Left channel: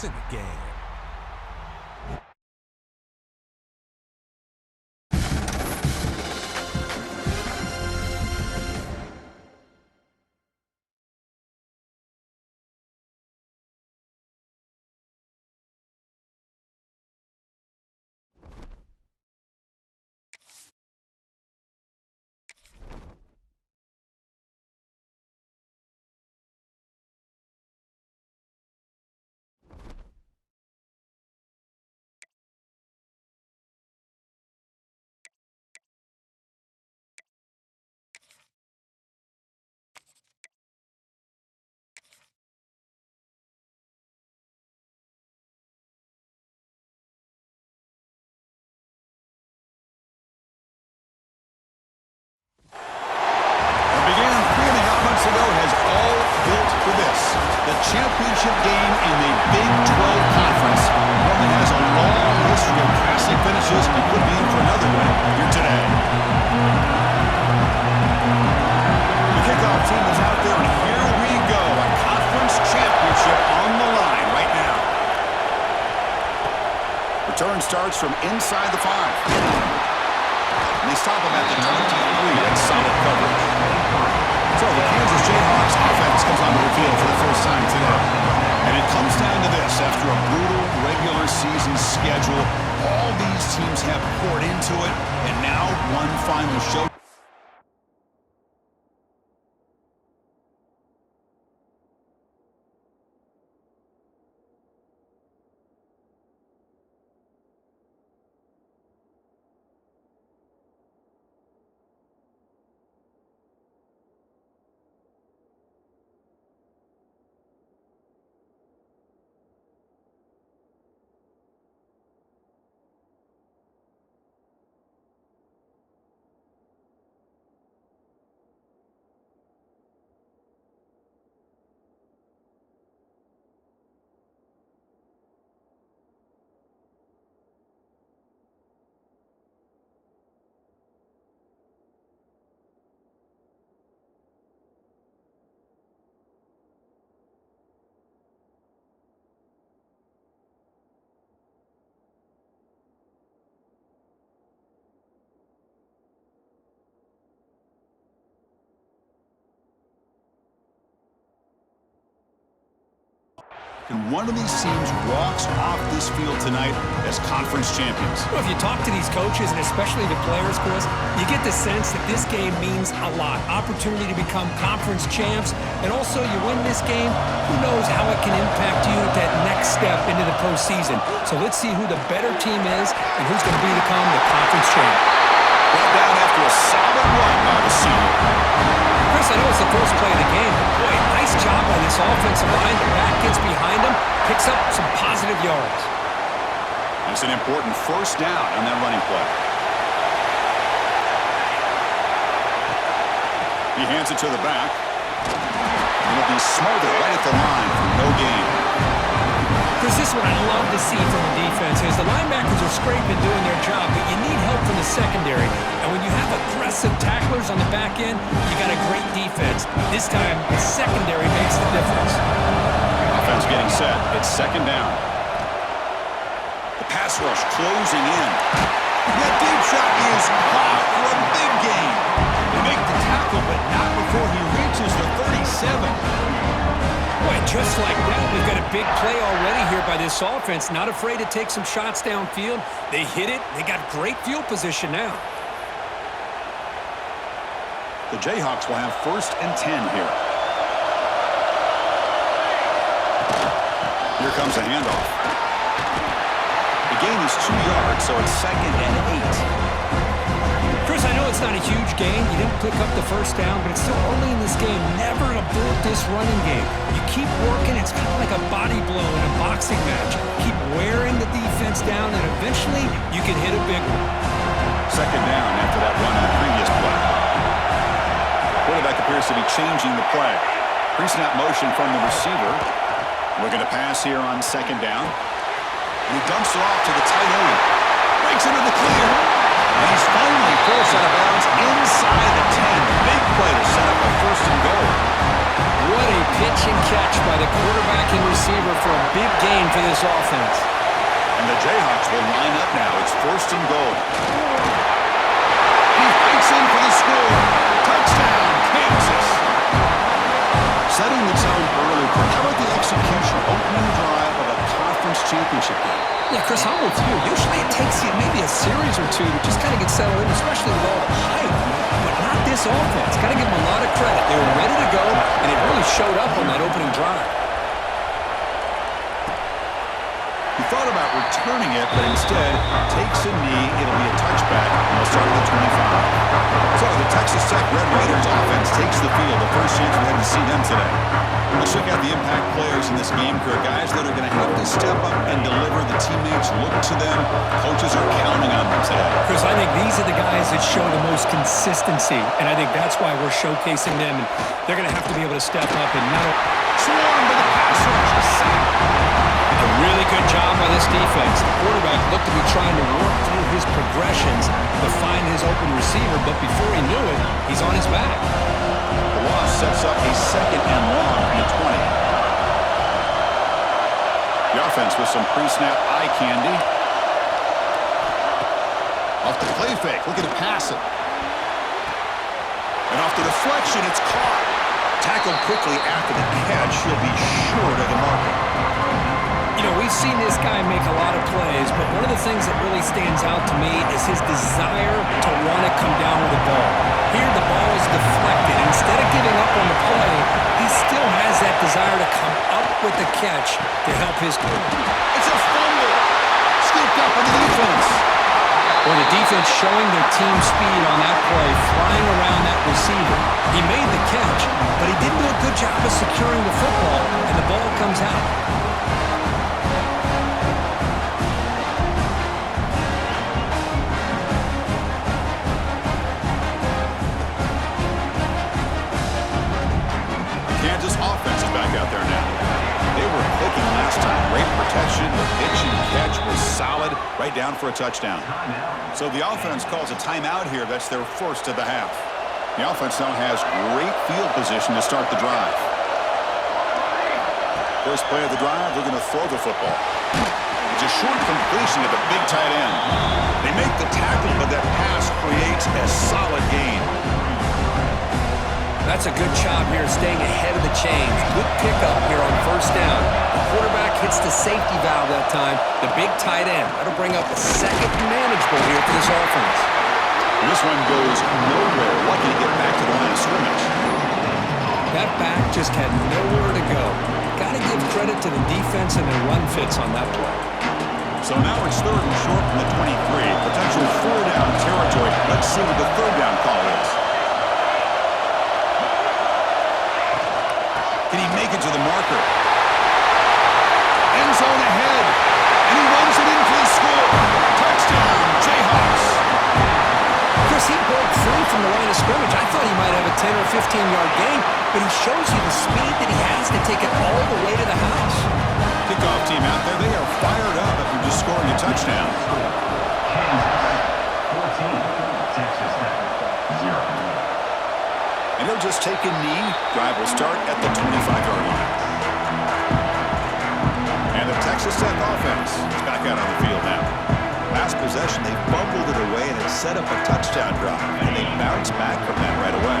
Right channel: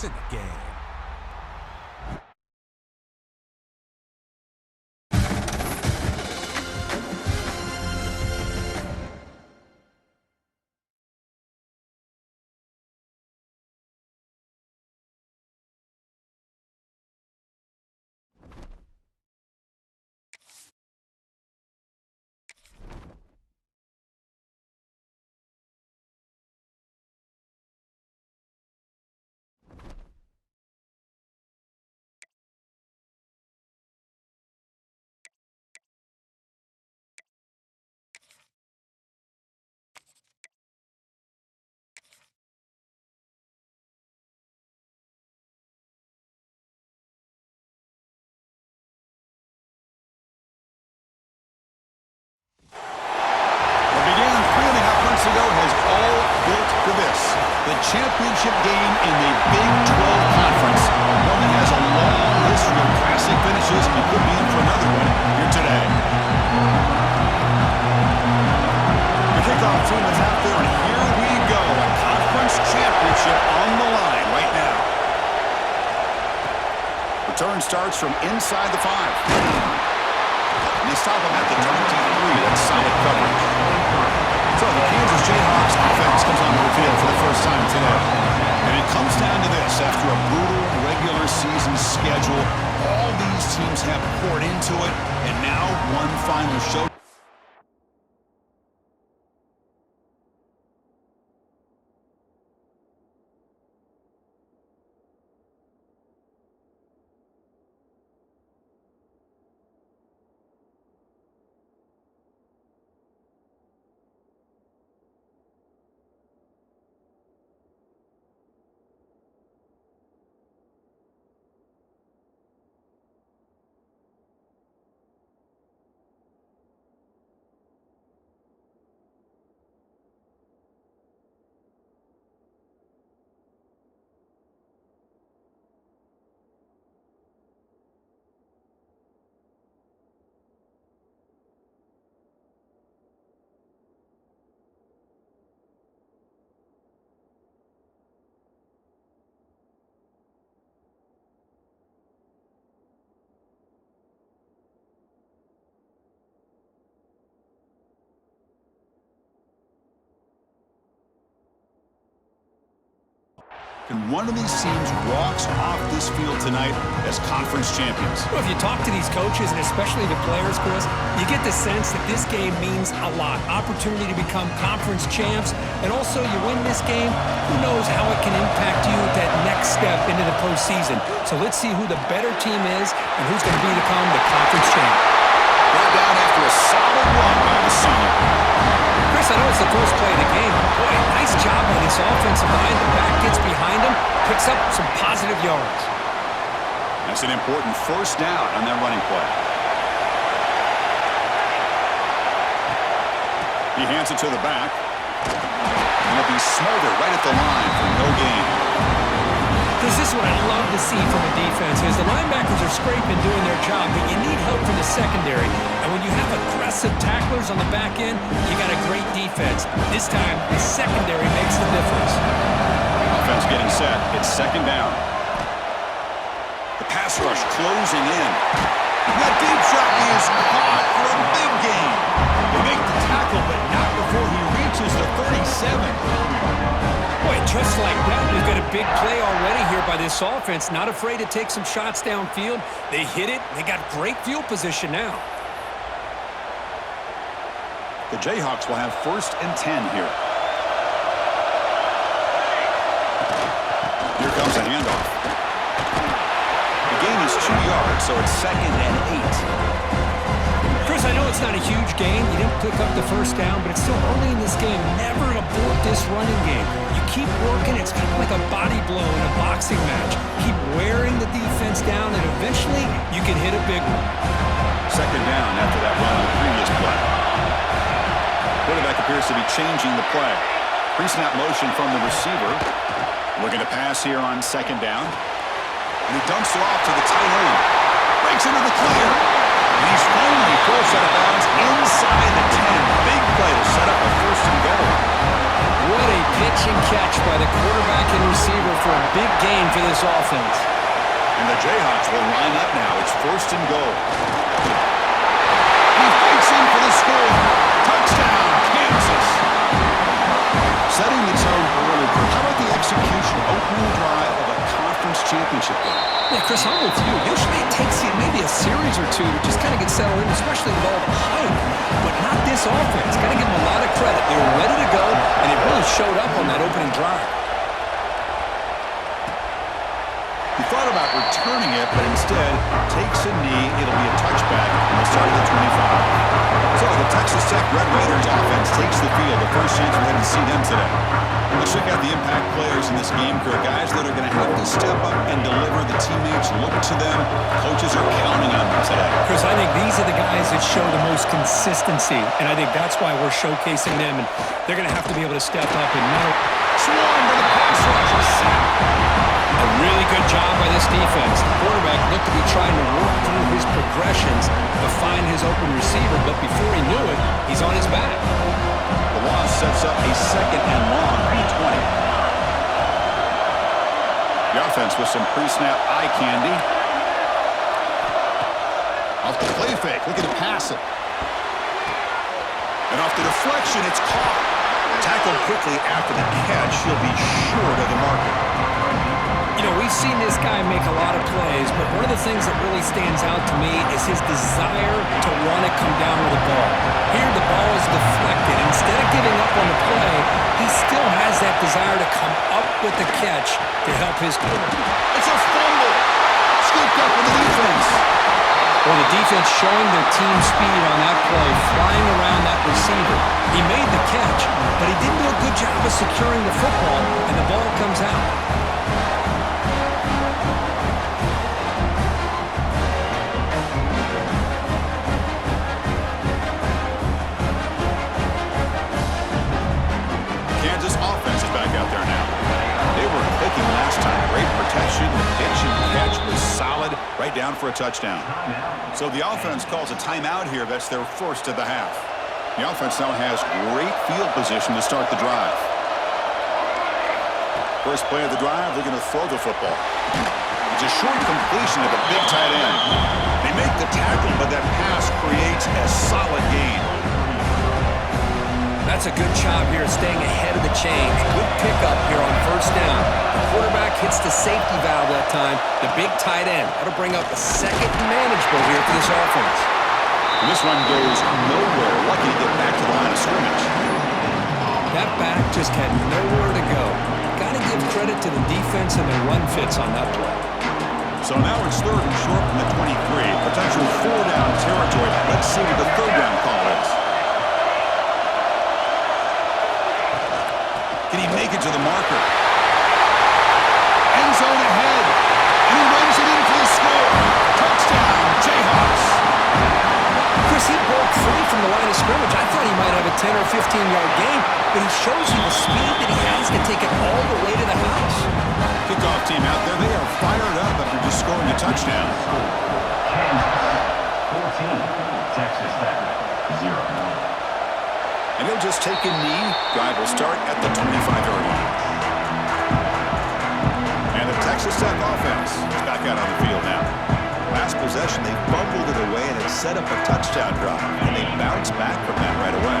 It's in the game. Began 3.5 months ago has all built for this. The championship game in the Big 12 Conference. One that has a long history of classic finishes and could be in for another one here today. The kickoff team is out there, and here we go. A conference championship on the line right now. Return starts from inside the 5. They stop him at the 23. That's solid coverage. So the Kansas Jayhawks offense comes onto the field for the first time today. And it comes down to this. After a brutal regular season schedule, all these teams have poured into it, and now one final show. And one of these teams walks off this field tonight as conference champions. Well, if you talk to these coaches, and especially the players, Chris, you get the sense that this game means a lot. Opportunity to become conference champs, and also you win this game, who knows how it can impact you at that next step into the postseason. So let's see who the better team is and who's going to become the conference champ. Brought down after a solid run by the senior. Chris, I know it's the first play of the game, but boy, nice job by this offensive line. The back gets behind him, picks up some positive yards. That's an important first down on that running play. He hands it to the back. And it'll be smothered right at the line for no gain. Chris, this is what I love to see from a defense is the linebackers are scraping doing their job, but you need help from the secondary. And when you have aggressive tacklers on the back end, you got a great defense. This time, the secondary makes the difference. Offense getting set. It's second down. The pass rush closing in. That deep shot is caught for a big gain. They make the tackle, but not before he reaches the 37. Boy, just like that, we've got a big play already here by this offense. Not afraid to take some shots downfield. They hit it. They got great field position now. The Jayhawks will have 1st and 10 here. Here comes a handoff. The gain is 2 yards, so it's 2nd and 8. Chris, I know it's not a huge gain. You didn't pick up the first down, but it's still early in this game. Never abort this running game. You keep working. It's kind of like a body blow in a boxing match. Keep wearing the defense down, and eventually you can hit a big one. Second down after that run on the previous play. Quarterback appears to be changing the play. Pre-snap motion from the receiver. Looking to pass here on second down. And he dumps it off to the tight end. Breaks into the clear. And he's finally forced out of bounds inside the 10. Big play to set up a 1st and goal. What a pitch and catch by the quarterback and receiver for a big gain for this offense. And the Jayhawks will line up now. It's 1st and goal. He fights in for the score. Touchdown, Kansas. Setting the tone early. How about the execution, opening drive of a conference championship game? Yeah, Chris, I'm with you. Usually it takes you maybe a series or two to just kind of get settled in, especially with all the hype. But not this offense. Got to give them a lot of credit. They were ready to go, and it really showed up on that opening drive. He thought about returning it, but instead takes a knee. It'll be a touchback, and they'll start at the 25. So the Texas Tech Red Raiders offense takes the field. The first chance we had to see them today. Let's check out the impact players in this game crew. Guys that are going to have to step up and deliver. The teammates look to them. Coaches are counting on them today. Chris, I think these are the guys that show the most consistency, and I think that's why we're showcasing them, and they're going to have to be able to step up and not Swarmed by the pass rush. A sack. A really good job by this defense. The quarterback looked to be trying to work through his progressions to find his open receiver, but before he knew it, he's on his back. The loss sets up a 2nd and long from the 20. The offense with some pre-snap eye candy. Off the play fake, looking to pass it. And off the deflection, it's caught. Tackled quickly after the catch. He'll be short of the marker. You know, we've seen this guy make a lot of plays, but one of the things that really stands out to me is his desire to want to come down with the ball. Here, the ball is deflected. Instead of giving up on the play, he still has that desire to come up with the catch to help his team. It's a fumble. Scooped up in the defense. Well, the defense showing their team speed on that play, flying around that receiver. He made the catch, but he didn't do a good job of securing the football, and the ball comes out. Kansas offense is back out there now. They were clicking last time. Great protection. The pitch and catch was solid. Right down for a touchdown. So the offense calls a timeout here. That's their first of the half. The offense now has great field position to start the drive. First play of the drive, they're going to throw the football. It's a short completion to the big tight end. They make the tackle, but that pass creates a solid gain. That's a good job here, staying ahead of the chains. Good pickup here on 1st down. The quarterback hits the safety valve that time. The big tight end. That'll bring up a 2nd and manageable here for this offense. And this one goes nowhere. Lucky to get back to the line of scrimmage. That back just had nowhere to go. Got to give credit to the defense and their run fits on that play. So now it's 3rd and short from the 23. Potential 4-down territory. Let's see what the 3rd down call is. Can he make it to the marker? End zone ahead. And he runs it in for the score. Touchdown, Jayhawks. Chris, he broke free from the line of scrimmage. I thought he might have a 10 or 15-yard gain, but he shows you the speed that he has to take it all the way to the house. Kickoff team out there. They are fired up after just scoring a touchdown. Kansas 14, Texas Tech 0. And he'll just take a knee. Drive will start at the 25-yard line. And the Texas Tech offense is back out on the field now. Last possession, they fumbled it away, and it set up a touchdown drive. And they bounced back from that right away.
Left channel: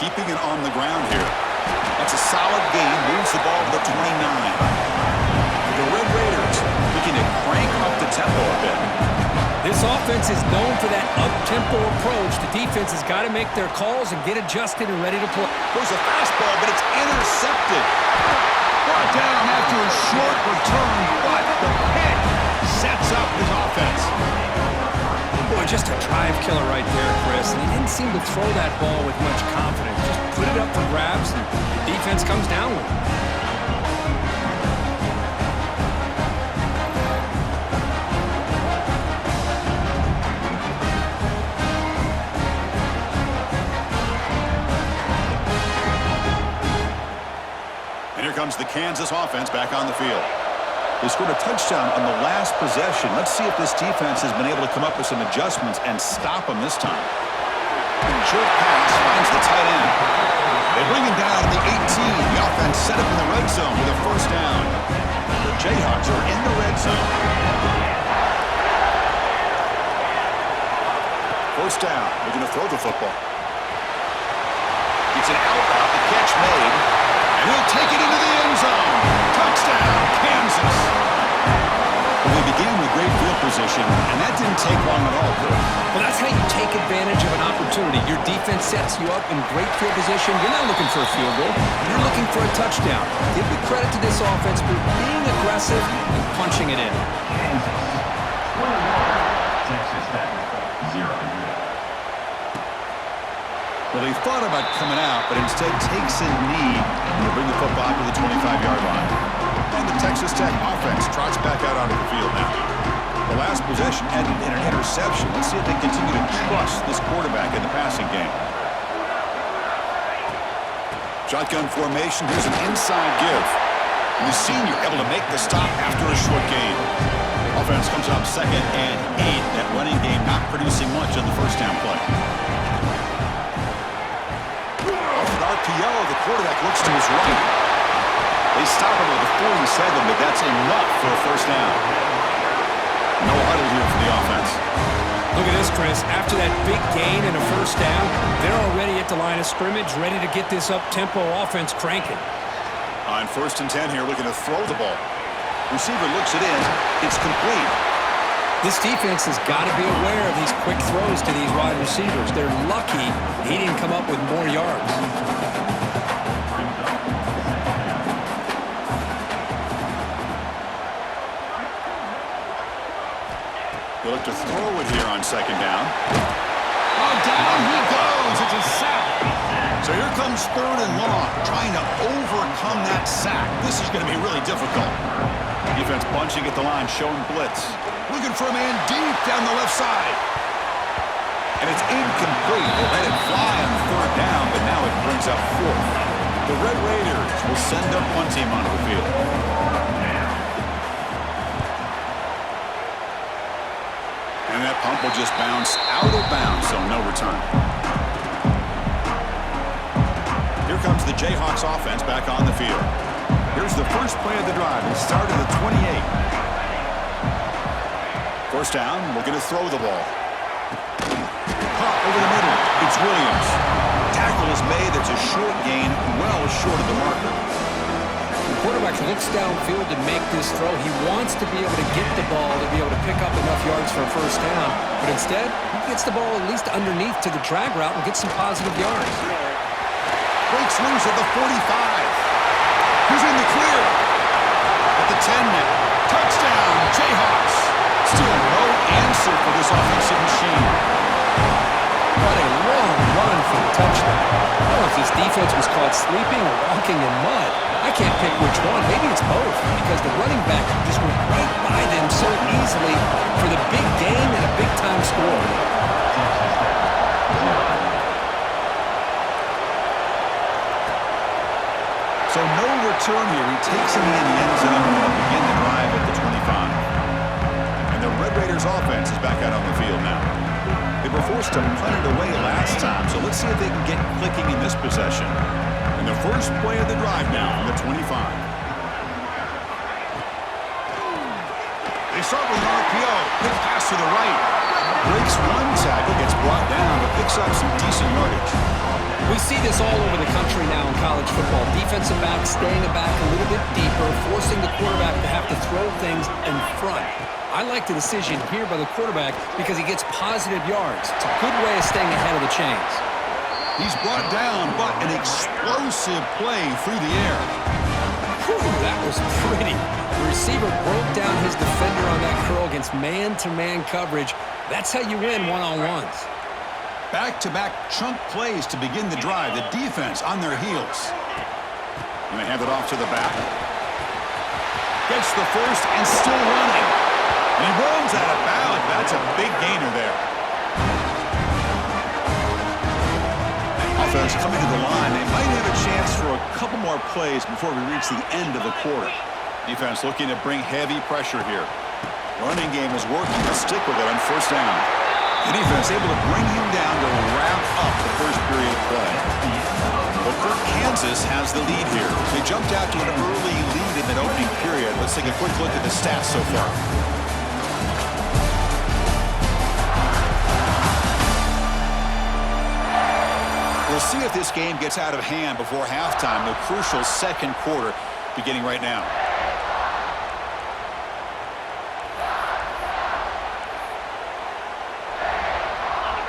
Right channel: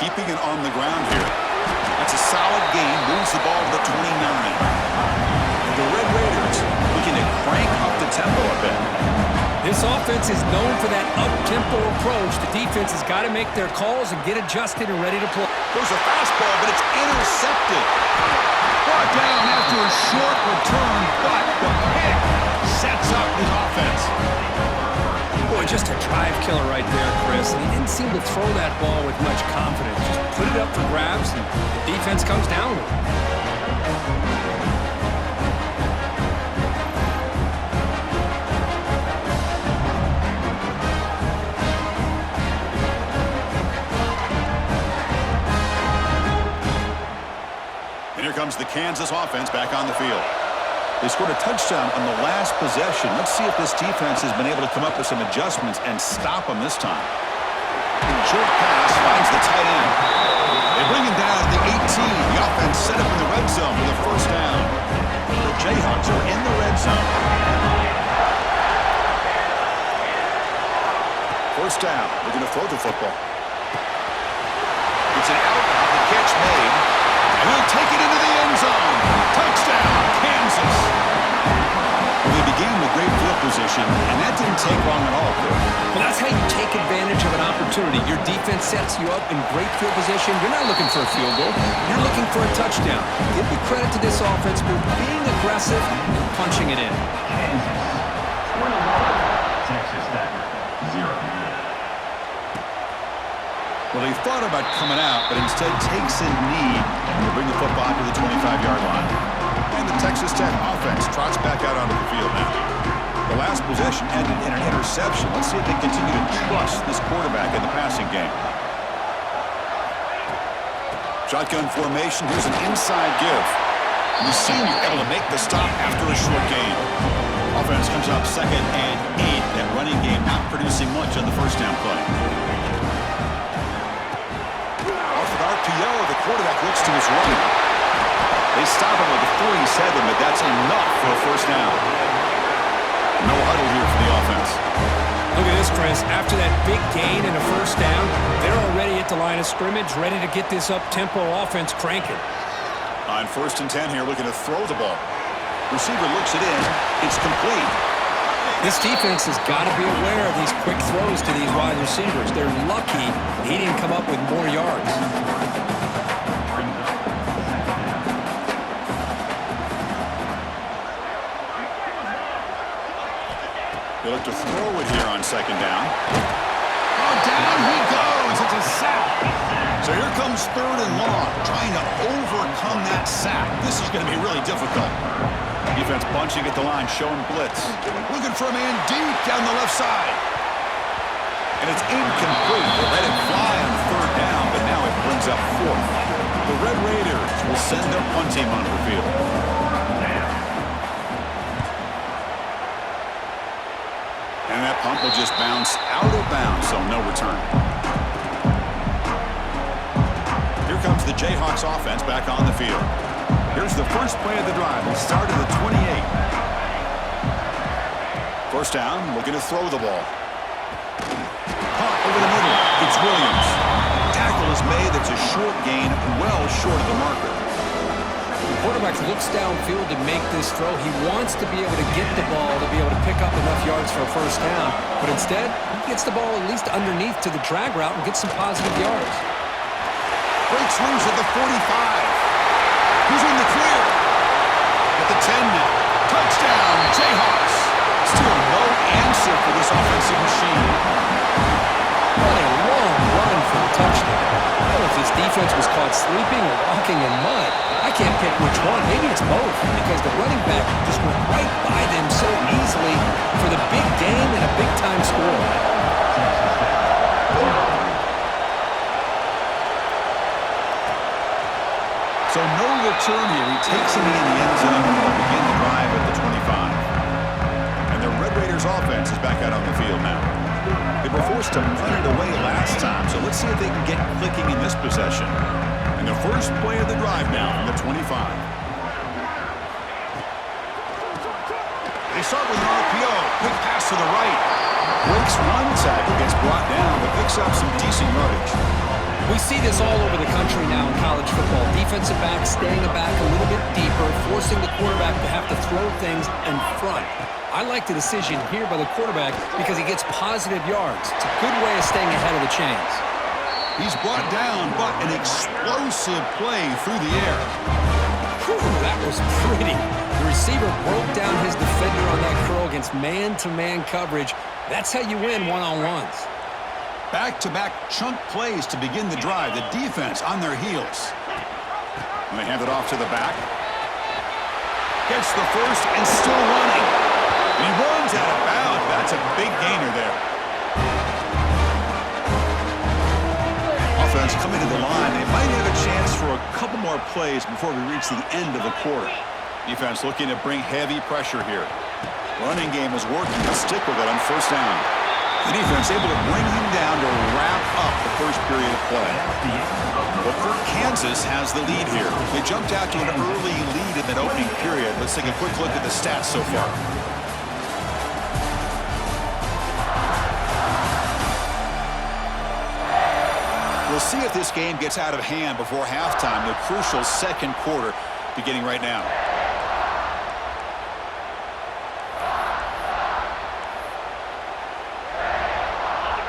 Keeping it on the ground here. That's a solid gain. Moves the ball to the 29. And the Red Raiders looking to crank up the tempo a bit. This offense is known for that up-tempo approach. The defense has got to make their calls and get adjusted and ready to play. Goes a fastball, but it's intercepted. Brought down after a short return, but the pick sets up his offense. Boy, just a drive killer right there, Chris. And he didn't seem to throw that ball with much confidence. Just put it up for grabs, and the defense comes down with it. And here comes the Kansas offense back on the field. They scored a touchdown on the last possession. Let's see if this defense has been able to come up with some adjustments and stop them this time. Short pass finds the tight end. They bring him down to the 18. The offense set up in the red zone with a first down. The Jayhawks are in the red zone. First down. Looking to throw the football. It's an out route. The catch made. And he'll take it into the end zone. Touchdown, Kansas. Well, they began with great field position, and that didn't take long at all, Chris. Well, that's how you take advantage of an opportunity. Your defense sets you up in great field position. You're not looking for a field goal. You're looking for a touchdown. Give the credit to this offense for being aggressive and punching it in. Kansas 21, Texas Tech 0. Well, he thought about coming out, but instead takes a knee and they bring the football to the 25-yard line. And the Texas Tech offense trots back out onto the field now. The last possession ended in an interception. Let's see if they continue to trust this quarterback in the passing game. Shotgun formation. Here's an inside give. And the senior able to make the stop after a short gain. Offense comes up 2nd and 8. That running game not producing much on the first down play. RPO, the quarterback looks to his right. They stop him with a 47, but that's enough for a first down. No huddle here for the offense. Look at this, Chris. After that big gain and a first down, they're already at the line of scrimmage, ready to get this up-tempo offense cranking. On 1st and 10 here, looking to throw the ball. Receiver looks it in. It's complete. This defense has got to be aware of these quick throws to these wide receivers. They're lucky he didn't come up with more yards. They look to throw it here on 2nd down. Oh, down he goes. It's a sack. So here comes 3rd and long, trying to overcome that sack. This is going to be really difficult. Defense bunching at the line, showing blitz. Looking for a man deep down the left side. And it's incomplete. They let it fly on 3rd down, but now it brings up 4th. The Red Raiders will send their punt team onto the field. And that punt will just bounce out of bounds, so no return. Here comes the Jayhawks offense back on the field. Here's the first play of the drive. They start at the 28. First down, looking to throw the ball. Caught over the middle. It's Williams. Tackle is made. That's a short gain, well short of the marker. The quarterback looks downfield to make this throw. He wants to be able to get the ball to be able to pick up enough yards for a first down. But instead, he gets the ball at least underneath to the drag route and gets some positive yards. Breaks loose at the 45. Who's in the clear? At the 10 now. Touchdown, Jayhawks. Still no answer for this offensive machine. What a long run for the touchdown. I don't know if this defense was caught sleeping or walking in mud. I can't pick which one. Maybe it's both, because the running back just went right by them so easily for the big gain and a big-time score. So no return here. He takes it in the end zone and will begin the drive at the 25. And the Red Raiders offense is back out on the field now. They were forced to punt it away last time, so let's see if they can get clicking in this possession. And the first play of the drive now from the 25. They start with an RPO. Quick pass to the right. Breaks one tackle, gets brought down, but picks up some decent yardage. We see this all over the country now in college football. Defensive backs staying back a little bit deeper, forcing the quarterback to have to throw things in front. I like the decision here by the quarterback because he gets positive yards. It's a good way of staying ahead of the chains. He's brought down, but an explosive play through the air. Whew, that was pretty. The receiver broke down his defender on that curl against man-to-man coverage. That's how you win one-on-ones. Back-to-back chunk plays to begin the drive. The defense on their heels. And they hand it off to the back. Gets the first and still running. And he runs out of bounds. That's a big gainer there. Offense coming to the line. They might have a chance for a couple more plays before we reach the end of the quarter. Defense looking to bring heavy pressure here. Running game is working. They'll stick with it on first down. The defense able to bring him down to wrap up the first period of play. Well, Kansas has the lead here. They jumped out to an early lead in that opening period. Let's take a quick look at the stats so far. We'll see if this game gets out of hand before halftime. The crucial second quarter beginning right now.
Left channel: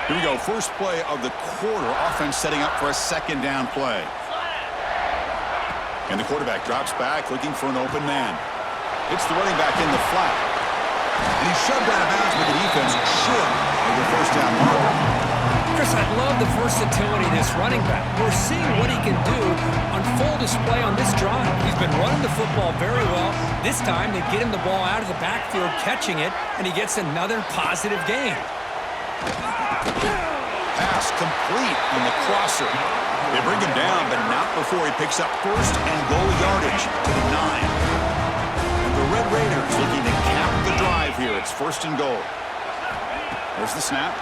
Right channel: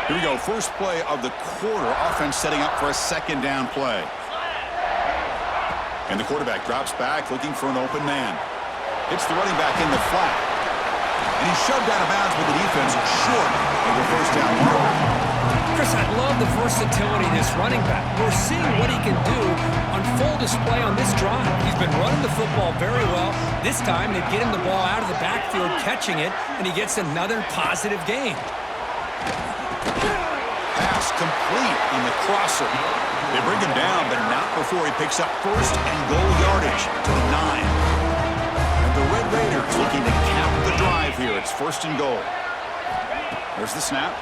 Here we go. First play of the quarter. Offense setting up for a second down play. And the quarterback drops back looking for an open man. Hits the running back in the flat. And he's shoved out of bounds with the defense short of the first down marker. Chris, I love the versatility of this running back. We're seeing what he can do on full display on this drive. He's been running the football very well. This time, they get him the ball out of the backfield, catching it, and he gets another positive gain. Pass complete on the crosser. They bring him down, but not before he picks up first and goal yardage to the 9. And the Red Raiders looking to cap the drive here. It's first and goal. There's the snap.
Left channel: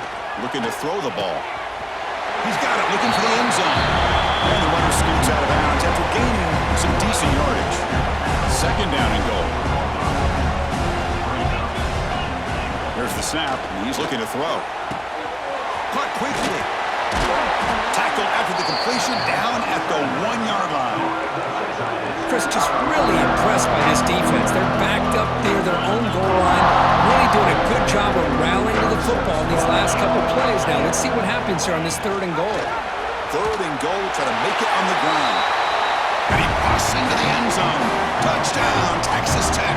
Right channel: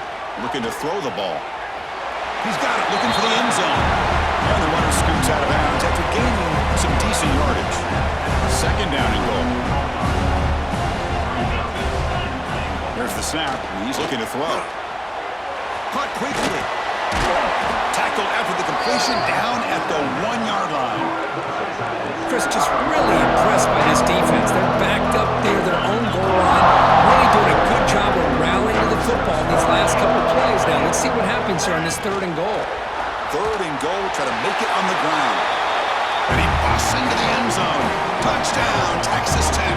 Looking to throw the ball. He's got it, looking for the end zone. And the runner scoots out of bounds after gaining some decent yardage. Second down and goal. There's the snap, and he's looking to throw. Caught quickly. Tackled after the completion, down at the 1-yard line. Chris, just really impressed by this defense. They're backed up near their own goal line, really doing a good job of rallying to the football in these last couple plays. Now, let's see what happens here on this third and goal. Third and goal, try to make it on the ground. And he busts into the end zone. Touchdown, Texas Tech.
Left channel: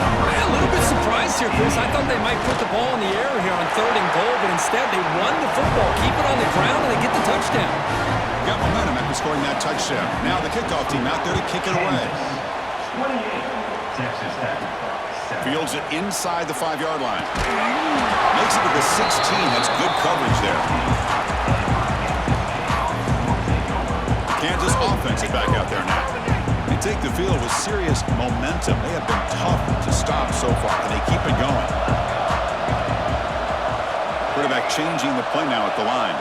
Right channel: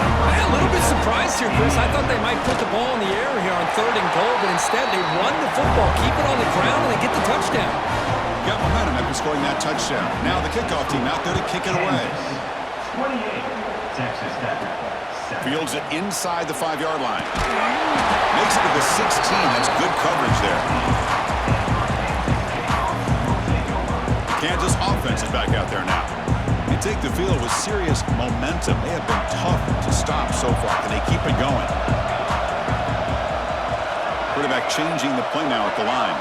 I'm a little bit surprised here, Chris. I thought they might put the ball in the air here on third and goal, but instead they run the football, keep it on the ground, and they get the touchdown. Got momentum after scoring that touchdown. Now the kickoff team out there to kick it away. 28, Texas Tech. Fields it inside the 5-yard line. Makes it to the 16. That's good coverage there. Kansas offense is back out there now. They take the field with serious momentum. They have been tough to stop so far. Can they keep it going? Quarterback changing the play now at the line.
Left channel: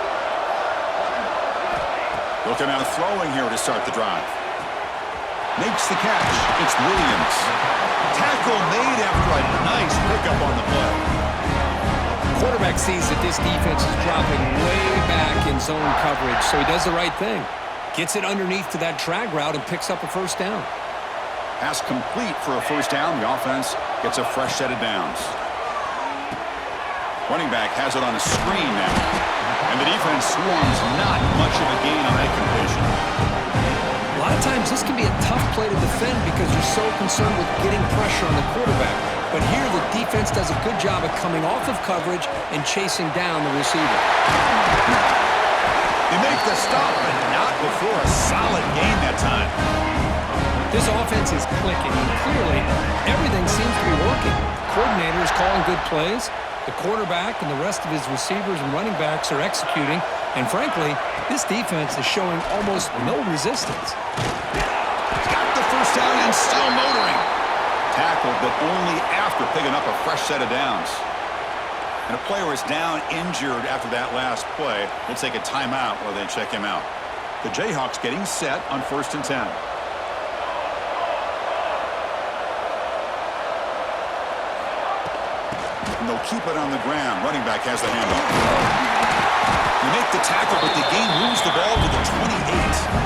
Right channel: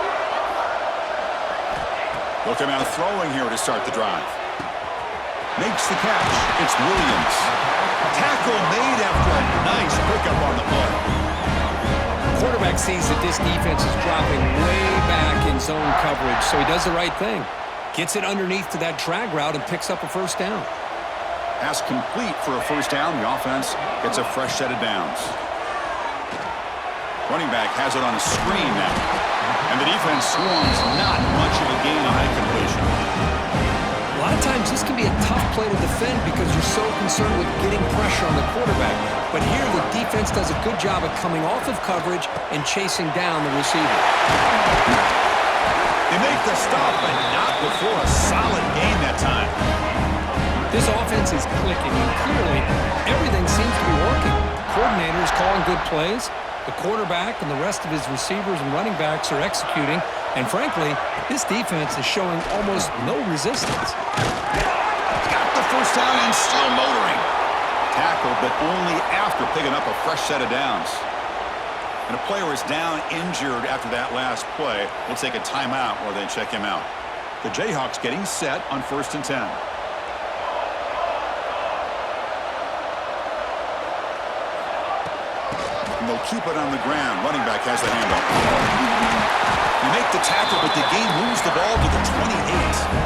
They'll come out throwing here to start the drive. Makes the catch. It's Williams. Tackle made after a nice pickup on the play. Quarterback sees that this defense is dropping way back in zone coverage, so he does the right thing. Gets it underneath to that drag route and picks up a first down. Pass complete for a first down. The offense gets a fresh set of downs. Running back has it on a screen now. And the defense swarms not much of a gain on that completion. A lot of times this can be a tough play to defend because you're so concerned with getting pressure on the quarterback. But here the defense does a good job of coming off of coverage and chasing down the receiver. They make the stop, but not before a solid gain that time. This offense is clicking, and clearly everything seems to be working. Coordinator is calling good plays. The quarterback and the rest of his receivers and running backs are executing. And frankly, this defense is showing almost no resistance. Got the first down and still motoring. Tackled, but only after picking up a fresh set of downs. And a player is down injured after that last play. We'll take a timeout while they check him out. The Jayhawks getting set on 1st and 10. And they'll keep it on the ground. Running back has the handoff. You make the tackle, but the game moves the ball to the 28.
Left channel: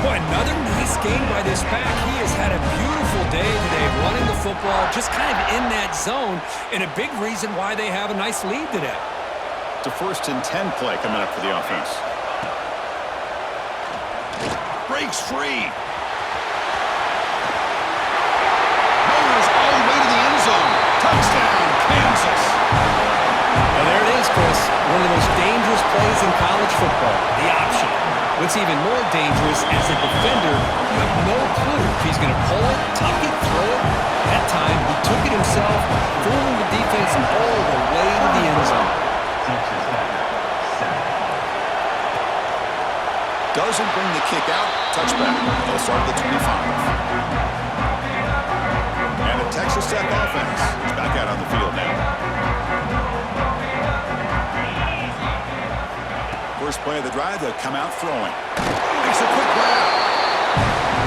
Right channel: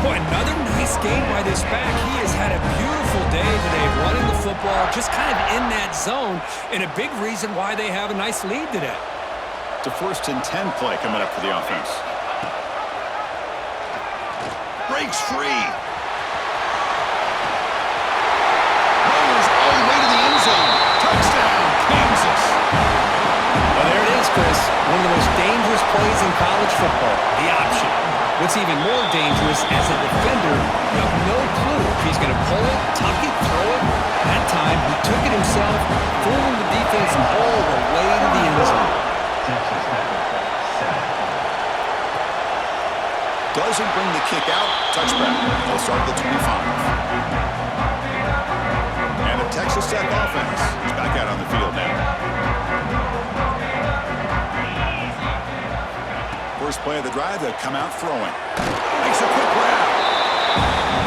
Boy, another nice game by this back. He has had a beautiful day today running the football, just kind of in that zone, and a big reason why they have a nice lead today. It's a 1st and 10 play coming up for the offense. Breaks free. Motors all the way to the end zone. Touchdown, Kansas. Well, there it is, Chris. One of the most dangerous plays in college football, the option. What's even more dangerous, as a defender, you have no clue if he's going to pull it, tuck it, throw it. That time, he took it himself, fooling the defense all the way to the end zone. Texas Tech, 7. Doesn't bring the kick out. Touchback. They'll start at the 25. Texas Tech offense is back out on the field now. First play of the drive, they'll come out throwing. Makes a quick grab.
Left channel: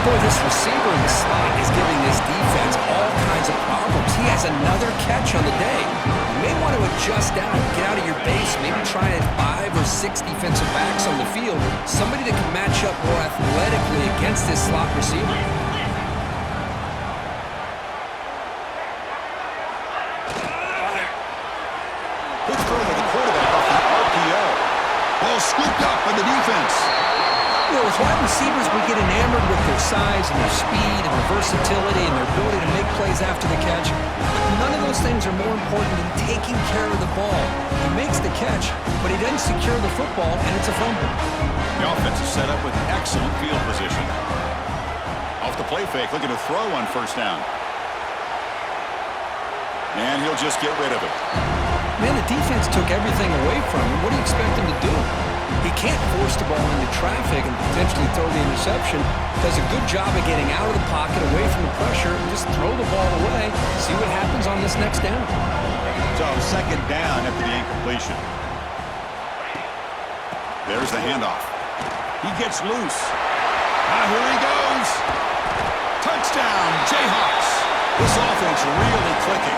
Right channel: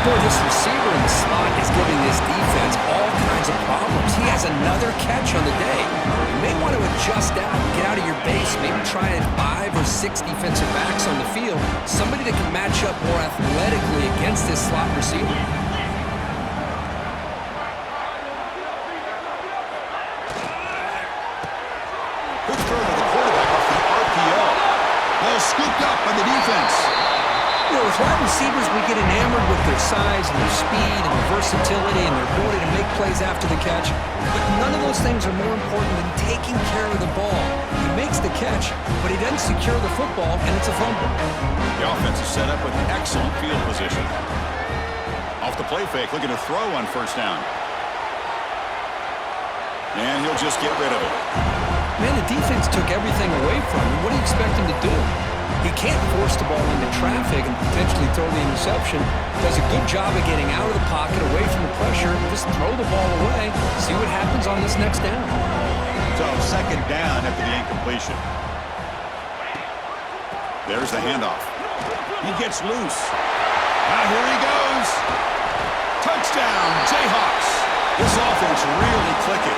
Boy, this receiver in the slot is giving this defense all kinds of problems. He has another catch on the day. You may want to adjust out, get out of your base, maybe try 5 or 6 defensive backs on the field, somebody that can match up more athletically against this slot receiver. Good throw to the quarterback off the RPO. Ball scooped up by the defense. You know, with wide receivers, we get enamored with their size and their speed and their versatility and their ability to make plays after the catch. But none of those things are more important than taking care of the ball. He makes the catch, but he doesn't secure the football, and it's a fumble. The offense is set up with excellent field position. Off the play fake, looking to throw on first down. And he'll just get rid of it. Man, the defense took everything away from him. What do you expect him to do? He can't force the ball into traffic and potentially throw the interception. Does a good job of getting out of the pocket, away from the pressure, and just throw the ball away. See what happens on this next down. So second down after the incompletion. There's the handoff. He gets loose. Now here he goes. Touchdown, Jayhawks. This offense really clicking.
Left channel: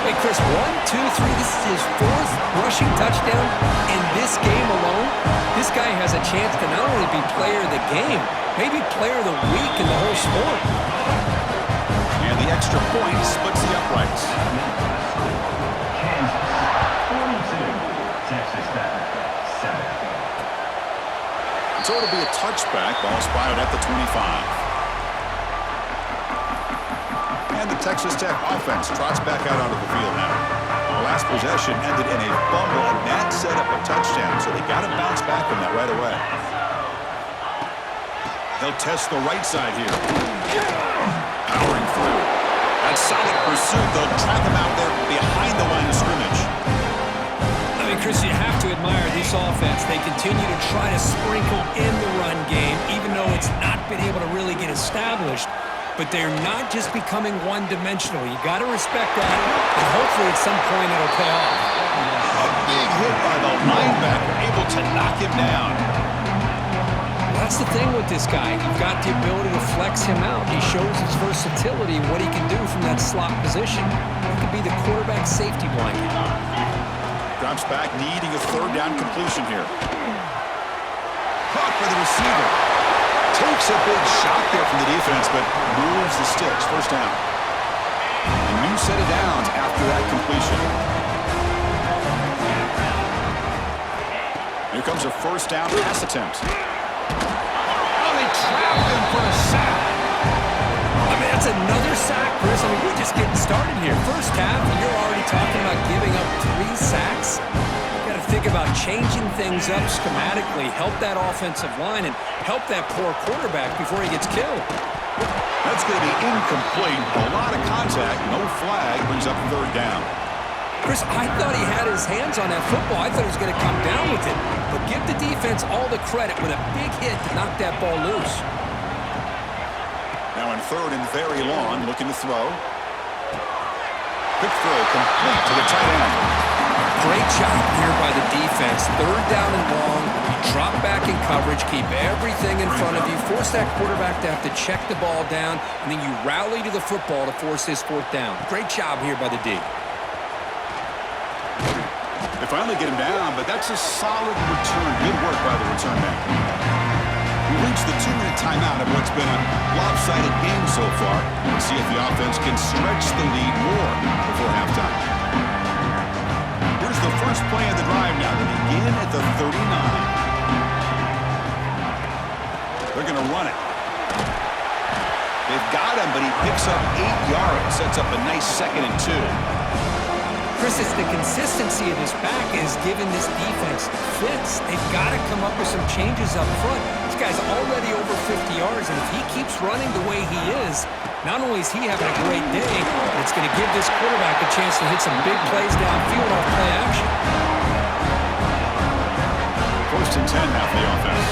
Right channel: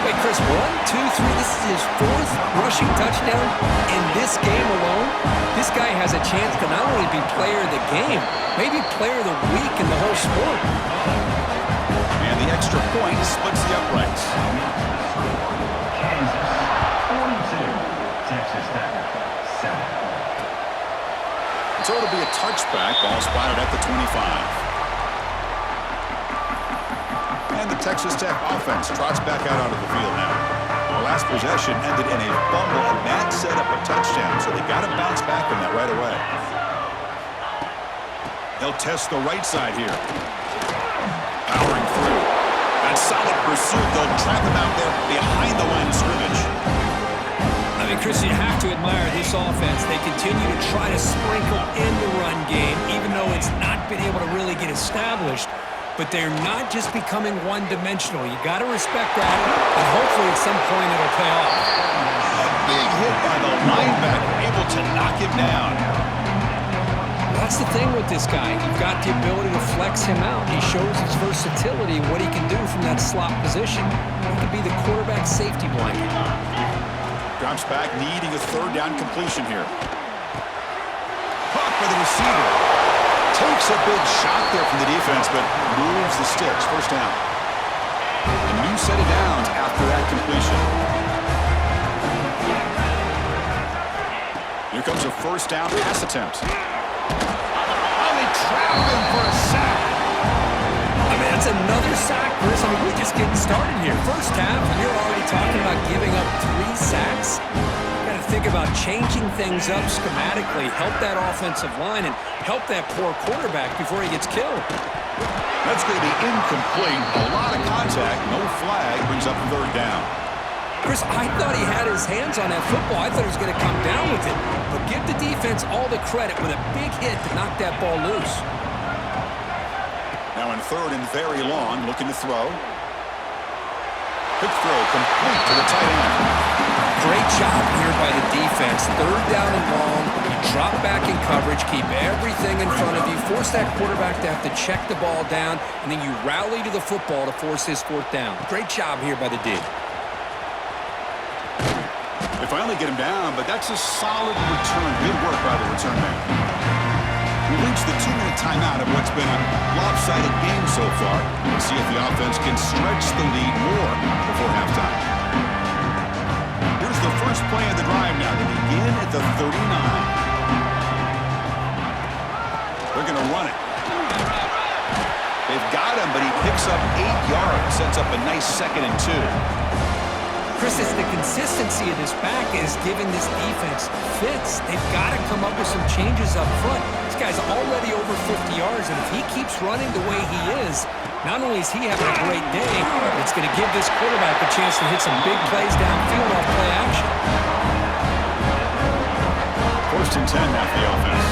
Wait, Chris, 1, 2, 3, this is his 4th rushing touchdown in this game alone. This guy has a chance to not only be player of the game, maybe player of the week in the whole sport. And the extra point splits the uprights. Kansas 42, Texas Tech 7. So it'll be a touchback. Ball spotted at the 25. And the Texas Tech offense trots back out onto the field now. The last possession ended in a fumble, and that set up a touchdown, so they got to bounce back from that right away. They'll test the right side here. Powering through. That solid pursuit. They'll trap him out there behind the line of scrimmage. I mean, Chris, you have to admire this offense. They continue to try to sprinkle in the run game, even though it's not been able to really get established. But they're not just becoming one-dimensional. You got to respect that, and hopefully at some point it'll pay off. A big hit by the linebacker, able to knock him down. That's the thing with this guy. You've got the ability to flex him out. He shows his versatility, what he can do from that slot position. He could be the quarterback safety blanket. Drops back, needing a third down completion here. Caught by the receiver. Takes a big shot there from the defense, but moves the sticks. First down. A new set of downs after that completion. Here comes a first down pass attempt. Oh, they trap him for a sack. I mean, that's another sack, Chris. I mean, we're just getting started here. First half, and you're already talking about giving up 3 sacks. Got to think about changing things up schematically, help that offensive line, and help that poor quarterback before he gets killed. That's going to be incomplete. A lot of contact, no flag, brings up third down. Chris, I thought he had his hands on that football. I thought he was going to come down with it. But give the defense all the credit with a big hit to knock that ball loose. Now in third and very long, looking to throw. Quick throw, complete to the tight end. Great job here by the defense. Third down and long. You drop back in coverage, keep everything in front of you, force that quarterback to have to check the ball down, and then you rally to the football to force this 4th down. Great job here by the D. They finally get him down, but that's a solid return. Good work by the return man. We reached the 2-minute timeout of what's been a lopsided game so far. We'll see if the offense can stretch the lead more before halftime. Here's the first play of the drive now. They begin at the 39. They're going to run it. They've got him, but he picks up 8 yards. Sets up a nice 2nd and 2. Chris, it's the consistency of this back is giving this defense fits. They've got to come up with some changes up front. This guy's already over 50 yards, and if he keeps running the way he is, not only is he having a great day, but it's going to give this quarterback a chance to hit some big plays downfield off play action. First and 10 now for the offense.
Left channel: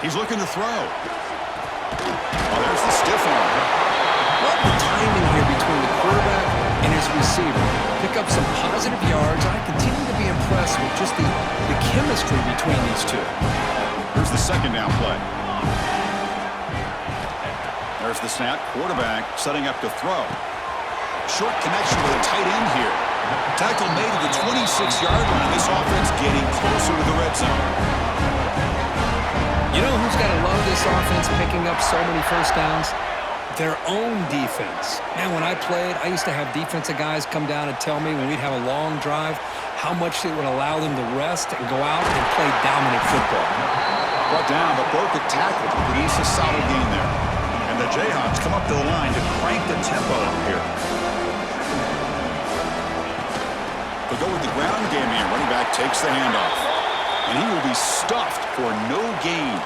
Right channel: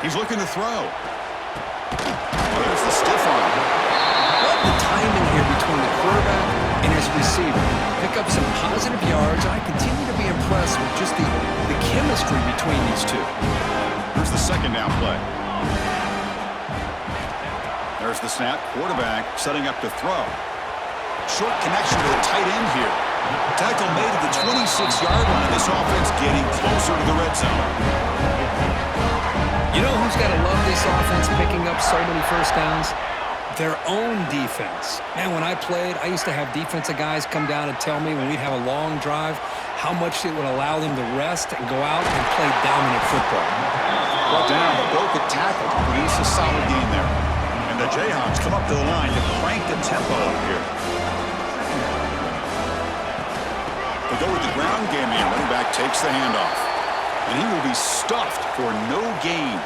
He's looking to throw. Oh, there's the stiff arm. Love the timing here between the quarterback and his receiver. Pick up some positive yards, and I continue to be impressed with just the chemistry between these two. Here's the second down play. There's the snap. Quarterback setting up to throw. Short connection to the tight end here. Tackle made at the 26-yard line. This offense getting closer to the red zone. You know who's got to love this offense picking up so many first downs? Their own defense. Man, when I played, I used to have defensive guys come down and tell me when we'd have a long drive how much it would allow them to rest and go out and play dominant football. Brought down, but broke a tackle to produce a solid gain there. And the Jayhawks come up to the line to crank the tempo up here. They go with the ground game here. Running back takes the handoff. And he will be stuffed for no gain.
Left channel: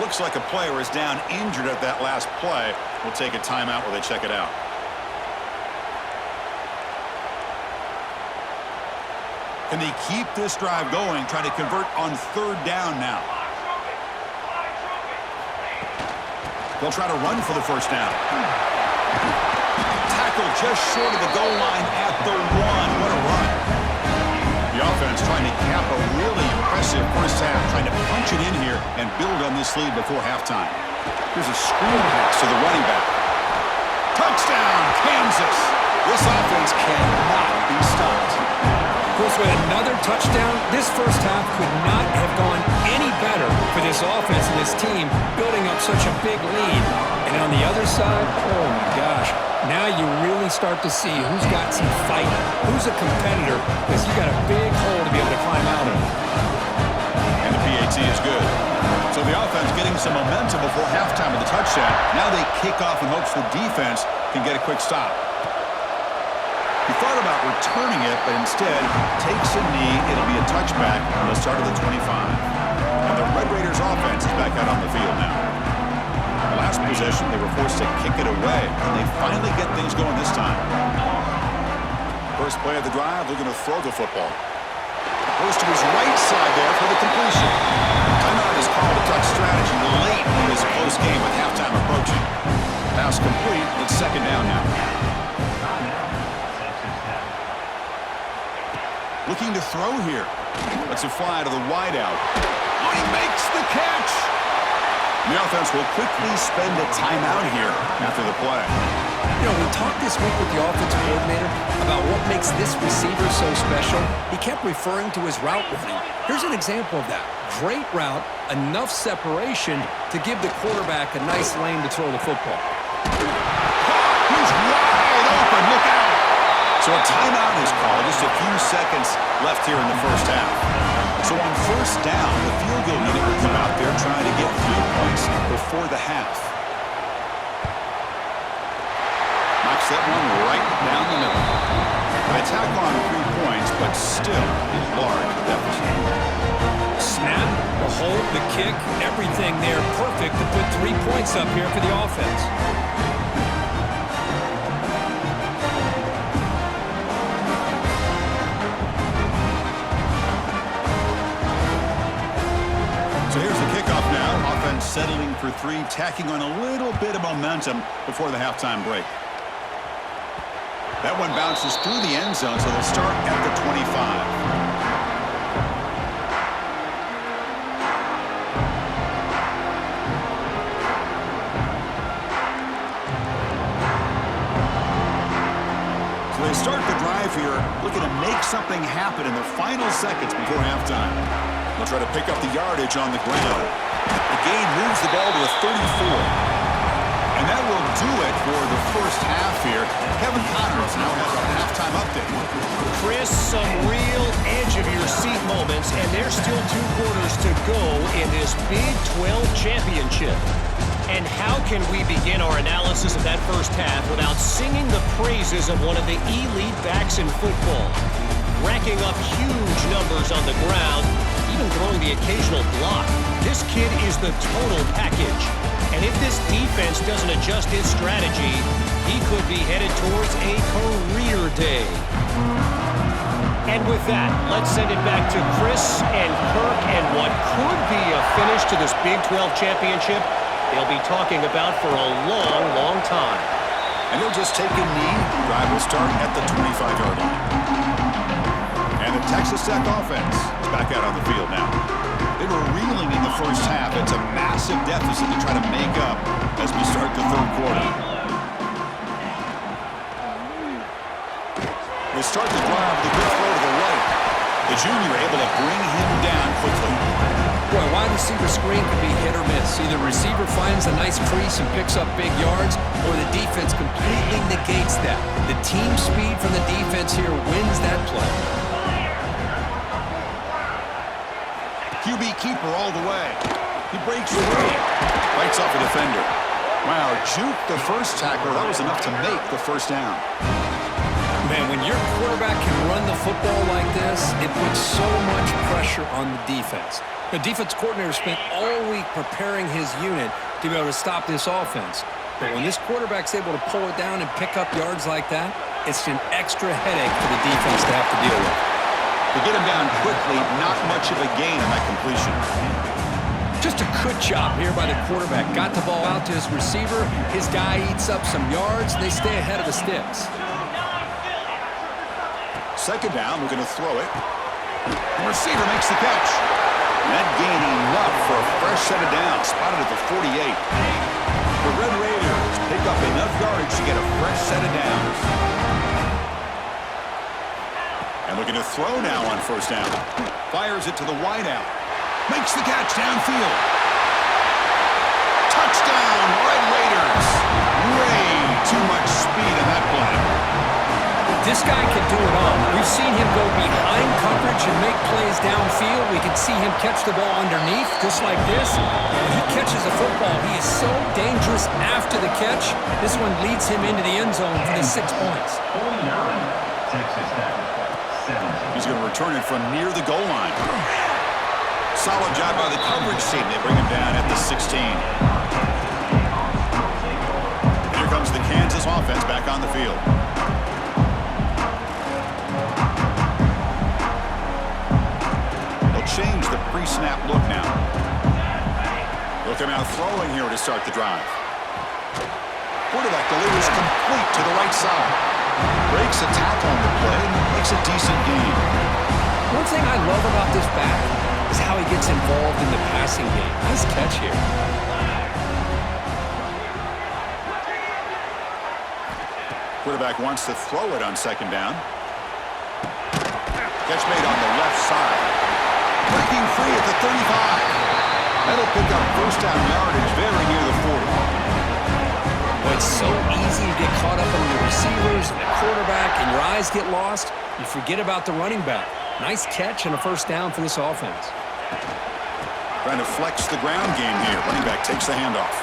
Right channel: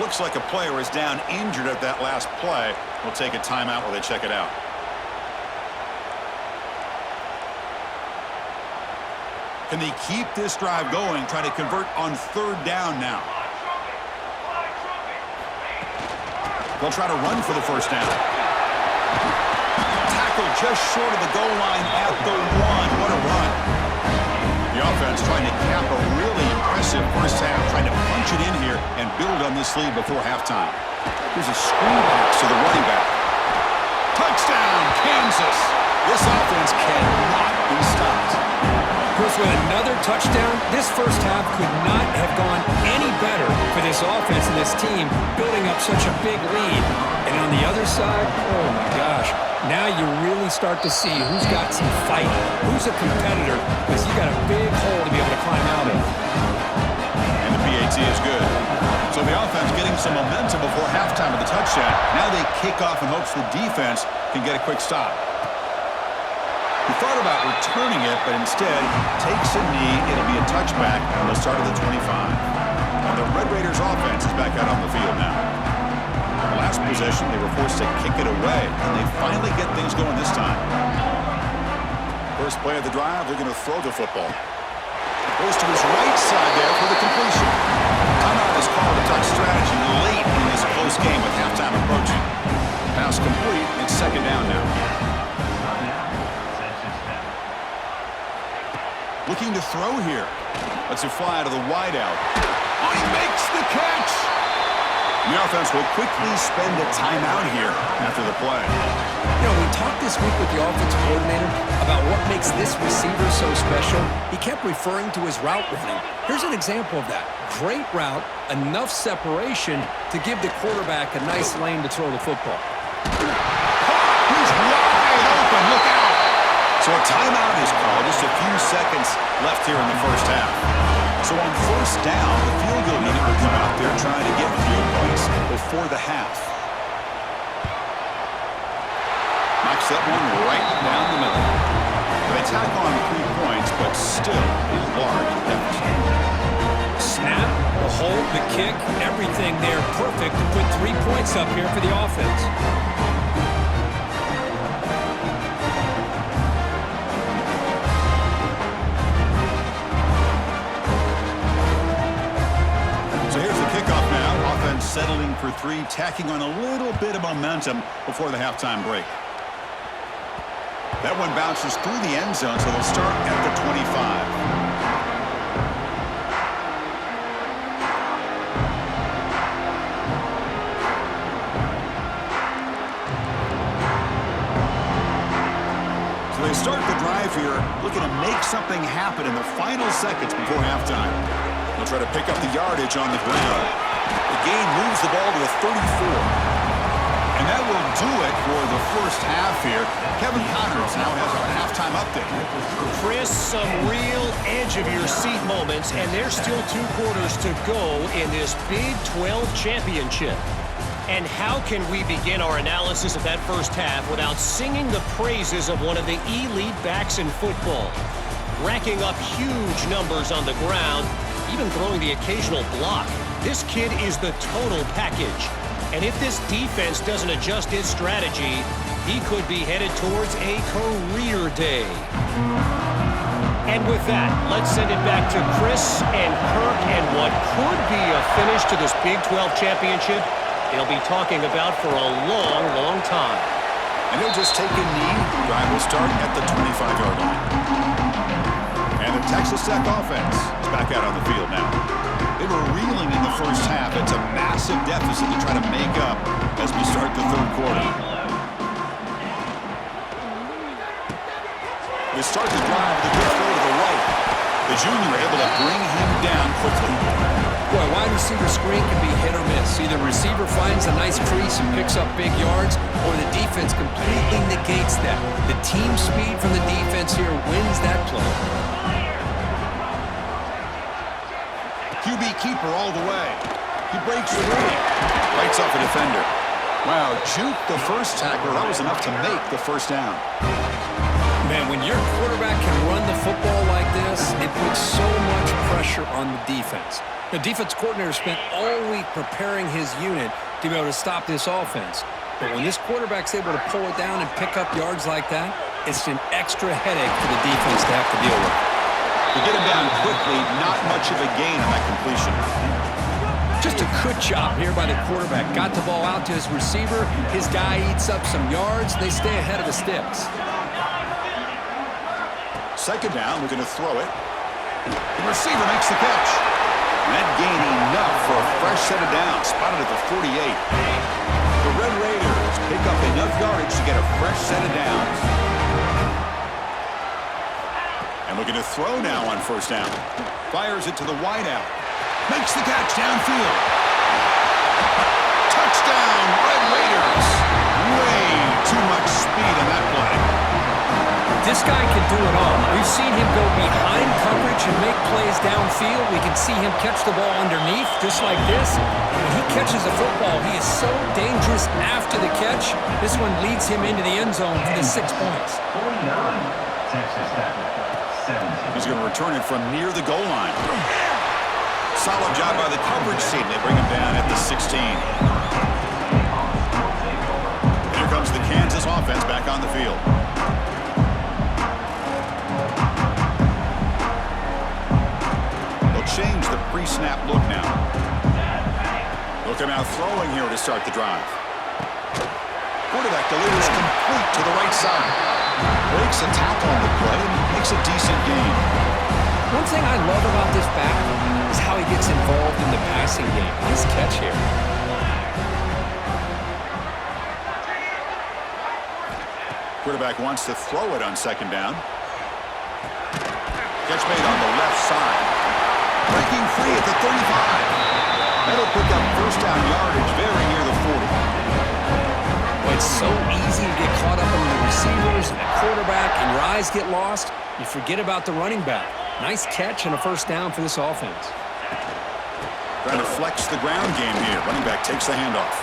Looks like a player is down injured at that last play. We'll take a timeout while they check it out. Can they keep this drive going, trying to convert on third down now? They'll try to run for the first down. Tackle just short of the goal line at the 1. What a run. The offense trying to cap a really impressive first half, trying to punch it in here and build on this lead before halftime. Here's a screen pass to the running back. Touchdown, Kansas. This offense cannot be stopped. Chris, with another touchdown, this first half could not have gone any better for this offense and this team, building up such a big lead. And on the other side, oh my gosh, now you really start to see who's got some fight, who's a competitor, because you got a big hole to be able to climb out of. And the PAT is good. So the offense getting some momentum before halftime with the touchdown. Now they kick off in hopes the defense can get a quick stop. He thought about returning it, but instead takes a knee. It'll be a touchback. They'll start at the 25. And the Red Raiders offense is back out on the field now. The last possession, they were forced to kick it away, and they finally get things going this time. First play of the drive, looking to throw the football. Goes to his right side there for the completion. Timeout is called to tuck strategy late in this close game with halftime approaching. Pass complete. It's second down now. Looking to throw here. Lets it fly to the wideout. Oh, he makes the catch! The offense will quickly spend a timeout here after the play. You know, we talked this week with the offensive coordinator about what makes this receiver so special. He kept referring to his route running. Here's an example of that. Great route, enough separation to give the quarterback a nice lane to throw the football. Caught! He's wide open. Look out! So a timeout is called. Just a few seconds left here in the first half. So on first down, the field goal unit will come out there trying to get 3 points before the half. Knocks that one right down the middle. They tack on 3 points, but still a large deficit. Snap, the hold, the kick, everything there perfect to put 3 points up here for the offense. So here's the kickoff now. Offense settling for 3, tacking on a little bit of momentum before the halftime break. That one bounces through the end zone, so they'll start at the 25. So they start the drive here, looking to make something happen in the final seconds before halftime. They'll try to pick up the yardage on the ground. The gain moves the ball to the 34. And that will do it for the first half here. Kevin Connors now has our halftime update. Chris, some real edge-of-your-seat moments, and there's still 2 quarters to go in this Big 12 championship. And how can we begin our analysis of that first half without singing the praises of one of the elite backs in football? Racking up huge numbers on the ground, even throwing the occasional block. This kid is the total package. And if this defense doesn't adjust its strategy, he could be headed towards a career day. And with that, let's send it back to Chris and Kirk and what could be a finish to this Big 12 championship. they'll be talking about for a long, long time. And he'll just take a knee. Drive will start at the 25-yard line. And the Texas Tech offense is back out on the field now. They were reeling in the first half. It's a massive deficit to try to make up as we start the third quarter. They start the drive with a good throw to the right. The junior able to bring him down quickly. Boy, wide receiver screen can be hit or miss. Either receiver finds a nice crease and picks up big yards, or the defense completely negates that. The team speed from the defense here wins that play. QB keeper all the way. He breaks free. Bites off a defender. Wow, juke the first tackler. That was enough to make the first down. Man, when your quarterback can run the football like this, it puts so much pressure on the defense. The defense coordinator spent all week preparing his unit to be able to stop this offense. But when this quarterback's able to pull it down and pick up yards like that, it's an extra headache for the defense to have to deal with. To get him down quickly, not much of a gain on that completion. Just a good job here by the quarterback. Got the ball out to his receiver. His guy eats up some yards. They stay ahead of the sticks. Second down, we're going to throw it. The receiver makes the catch. And that gained enough for a fresh set of downs, spotted at the 48. The Red Raiders pick up enough yardage to get a fresh set of downs. And looking to throw now on first down. Fires it to the wideout. Makes the catch downfield. Touchdown, Red Raiders. Way too much speed in that play. This guy can do it all. We've seen him go behind coverage and make plays downfield. We can see him catch the ball underneath, just like this. When he catches the football, he is so dangerous after the catch. This one leads him into the end zone for the 6 points. 49, Texas Tech, 17. He's going to return it from near the goal line. Solid job by the coverage team. They bring him down at the 16. Here comes the Kansas offense back on the field. Change the pre-snap look now. They'll come out throwing here to start the drive. Quarterback delivers complete to the right side. Breaks a tackle on the play and makes a decent gain. One thing I love about this back is how he gets involved in the passing game. Nice catch here. Quarterback wants to throw it on second down. Catch made on the left side. Breaking free at the 35. That'll pick up first down yardage very near the 40. Well, it's so easy to get caught up on the receivers and the quarterback, and your eyes get lost. You forget about the running back. Nice catch and a first down for this offense. Trying to flex the ground game here. Running back takes the handoff.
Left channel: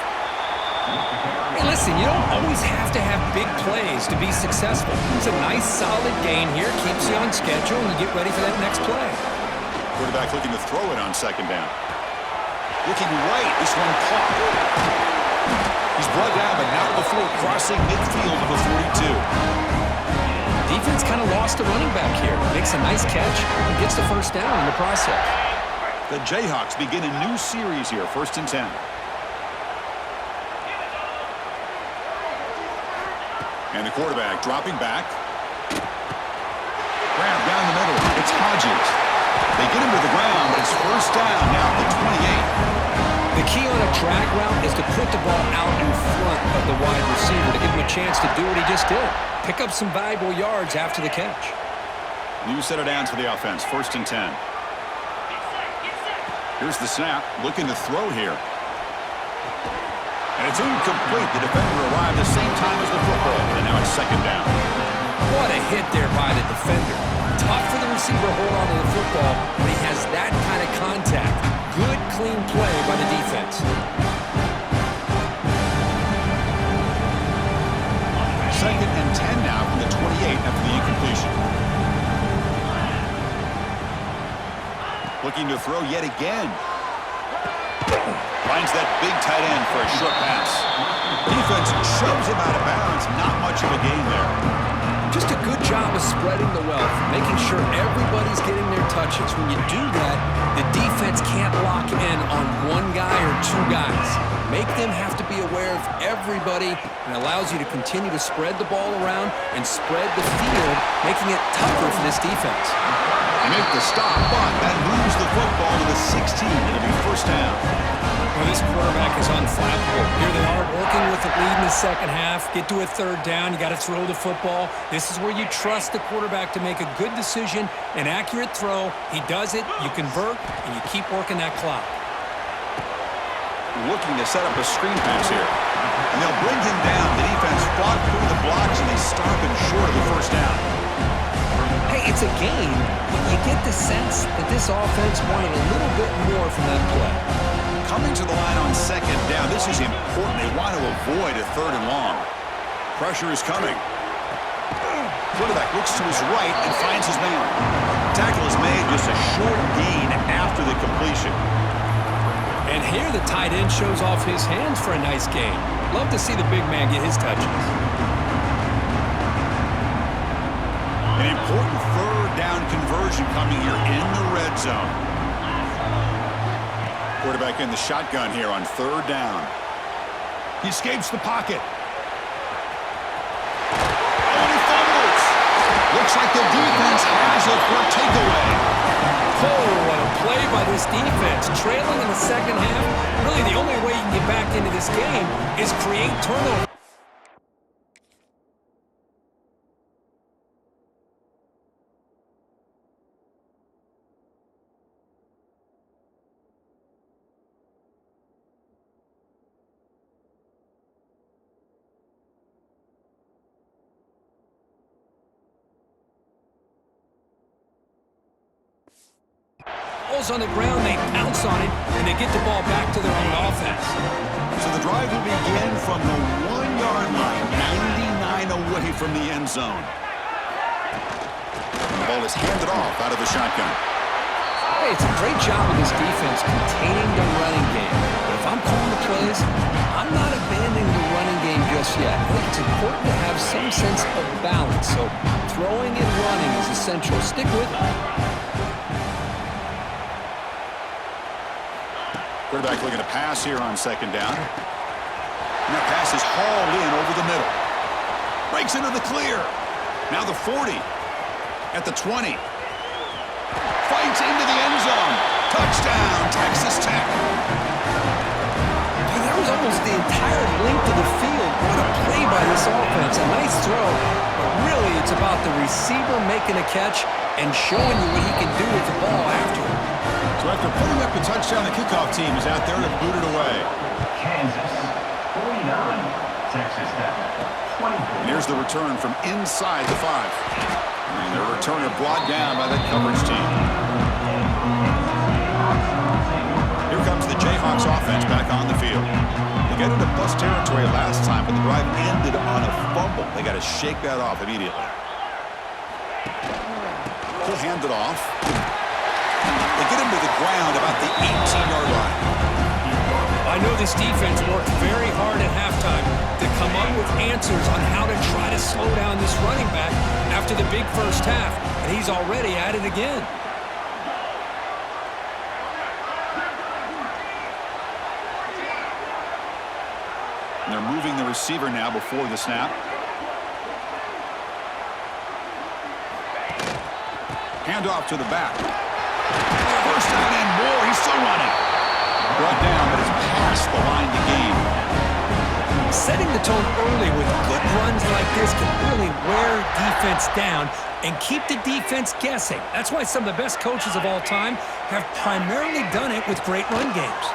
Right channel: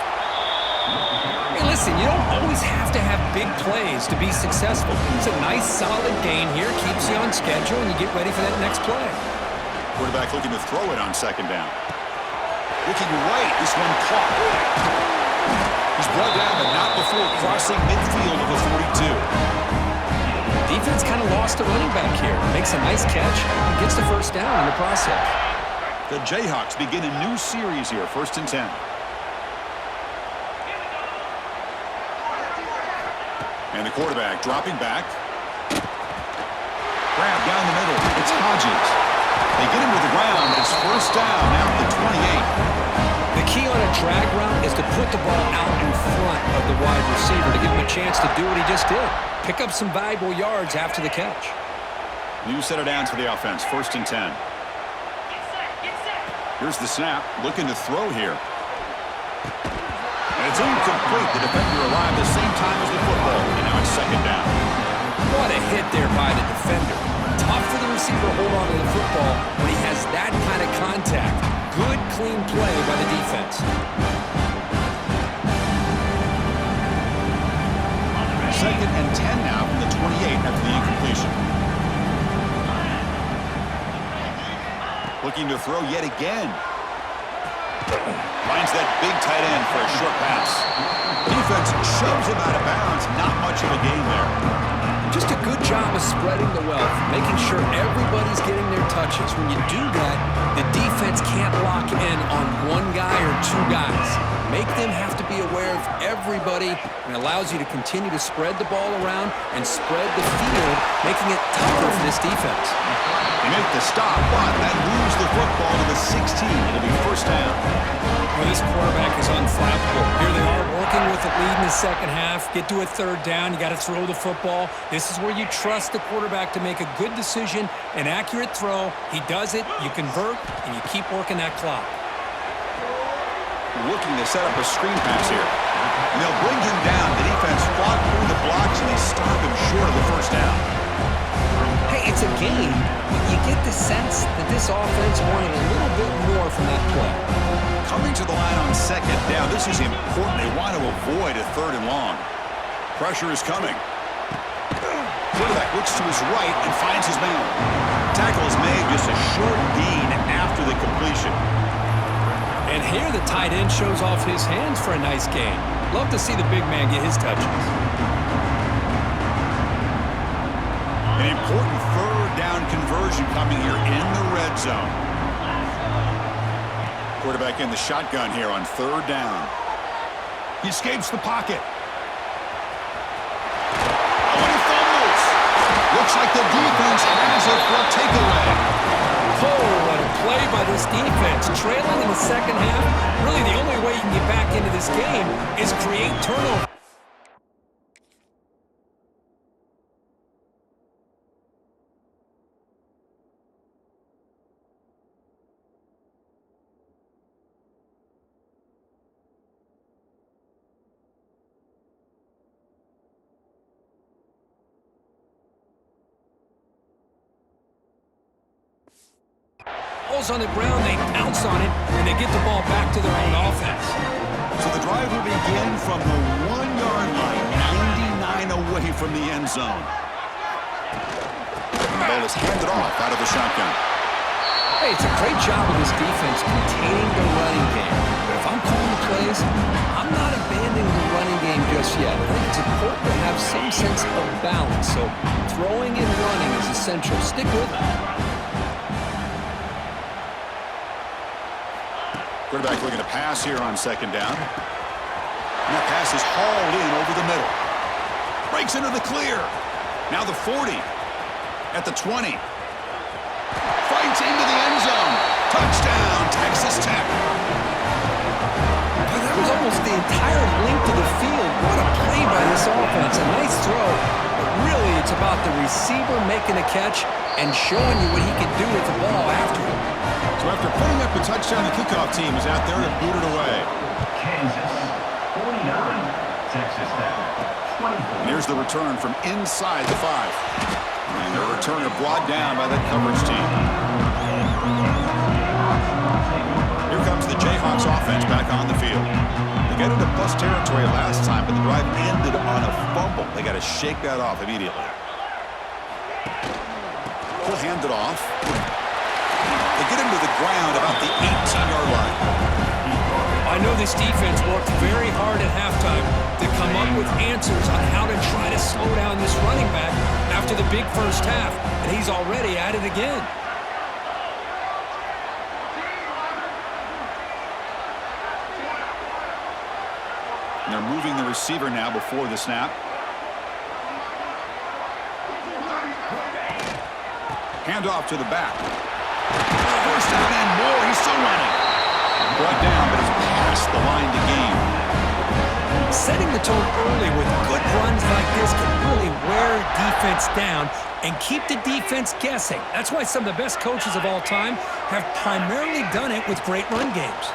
Hey, listen, you don't always have to have big plays to be successful. It's a nice, solid gain here. Keeps you on schedule, and you get ready for that next play. Quarterback looking to throw it on second down. Looking right, this one caught. He's brought down, but not before crossing midfield of a 42. Defense kind of lost the running back here. Makes a nice catch and gets the first down in the process. The Jayhawks begin a new series here, 1st and 10. And the quarterback dropping back. Grab down the middle. It's Hodges. They get him to the ground, but it's first down now at the 28. The key on a drag route is to put the ball out in front of the wide receiver to give him a chance to do what he just did. Pick up some valuable yards after the catch. New set of downs for the offense, 1st and 10. Here's the snap, looking to throw here. And it's incomplete. The defender arrived the same time as the football, and now it's second down. What a hit there by the defender. Tough for the receiver to hold on to the football when he has that kind of contact. Good, clean play by the defense. Second and 10 now from the 28 after the incompletion. Looking to throw yet again. Finds that big tight end for a short pass. Defense shoves him out of bounds. Not much of a gain there. Just a good job of spreading the wealth, making sure everybody's getting their touches. When you do that, the defense can't lock in on one guy or two guys. Make them have to be aware of everybody, and allows you to continue to spread the ball around and spread the field, making it tougher for this defense. They make the stop, but that moves the football to the 16. It'll be first down. Well, this quarterback is unflappable. Here they are working with the lead in the second half. Get to a third down. You got to throw the football. This is where you trust the quarterback to make a good decision, an accurate throw. He does it, you convert, and you keep working that clock. Looking to set up a screen pass here. And they'll bring him down. The defense fought through the blocks, and they stop him short of the first down. Hey, it's a game, but you get the sense that this offense wanted a little bit more from that play. Coming to the line on second down, this is important. They want to avoid a third and long. Pressure is coming. Quarterback looks to his right and finds his man. Tackle is made, just a short gain after the completion. And here the tight end shows off his hands for a nice gain. Love to see the big man get his touches. An important third down conversion coming here in the red zone. Quarterback in the shotgun here on third down. He escapes the pocket. Oh, and he fumbles. Looks like the defense has it for a takeaway. Oh, what a play by this defense. Trailing in the second half. Really, the only way you can get back into this game is create turnover. Ball's on the ground, they pounce on it, and they get the ball back to their own offense. So the drive will begin from the 1-yard line, 99 away from the end zone. And the ball is handed off out of the shotgun. Hey, it's a great job of this defense containing the running game. But if I'm calling the plays, I'm not abandoning the running game just yet. I think it's important to have some sense of balance. So throwing and running is essential. Stick with it. Quarterback looking to pass here on second down. And that pass is hauled in over the middle. Breaks into the clear. Now the 40. At the 20. Fights into the end zone. Touchdown, Texas Tech. Boy, that was almost the entire length of the field. What a play by this offense. A nice throw. But really, it's about the receiver making a catch and showing you what he can do with the ball after it. So after putting up the touchdown, the kickoff team is out there to boot it away. Kansas, 49. Texas Tech, 24. And here's the return from inside the 5. And the returner brought down by that coverage team. Here comes the Jayhawks offense back on the field. They got into plus territory last time, but the drive ended on a fumble. They got to shake that off immediately. He'll hand it off. They get him to the ground about the 18-yard line. I know this defense worked very hard at halftime to come up with answers on how to try to slow down this running back after the big first half, and he's already at it again. And they're moving the receiver now before the snap. Hand off to the back. First down and more. He's still running. Brought down, but it's past the line to gain. Setting the tone early with good runs like this can really wear defense down and keep the defense guessing. That's why some of the best coaches of all time have primarily done it with great run games.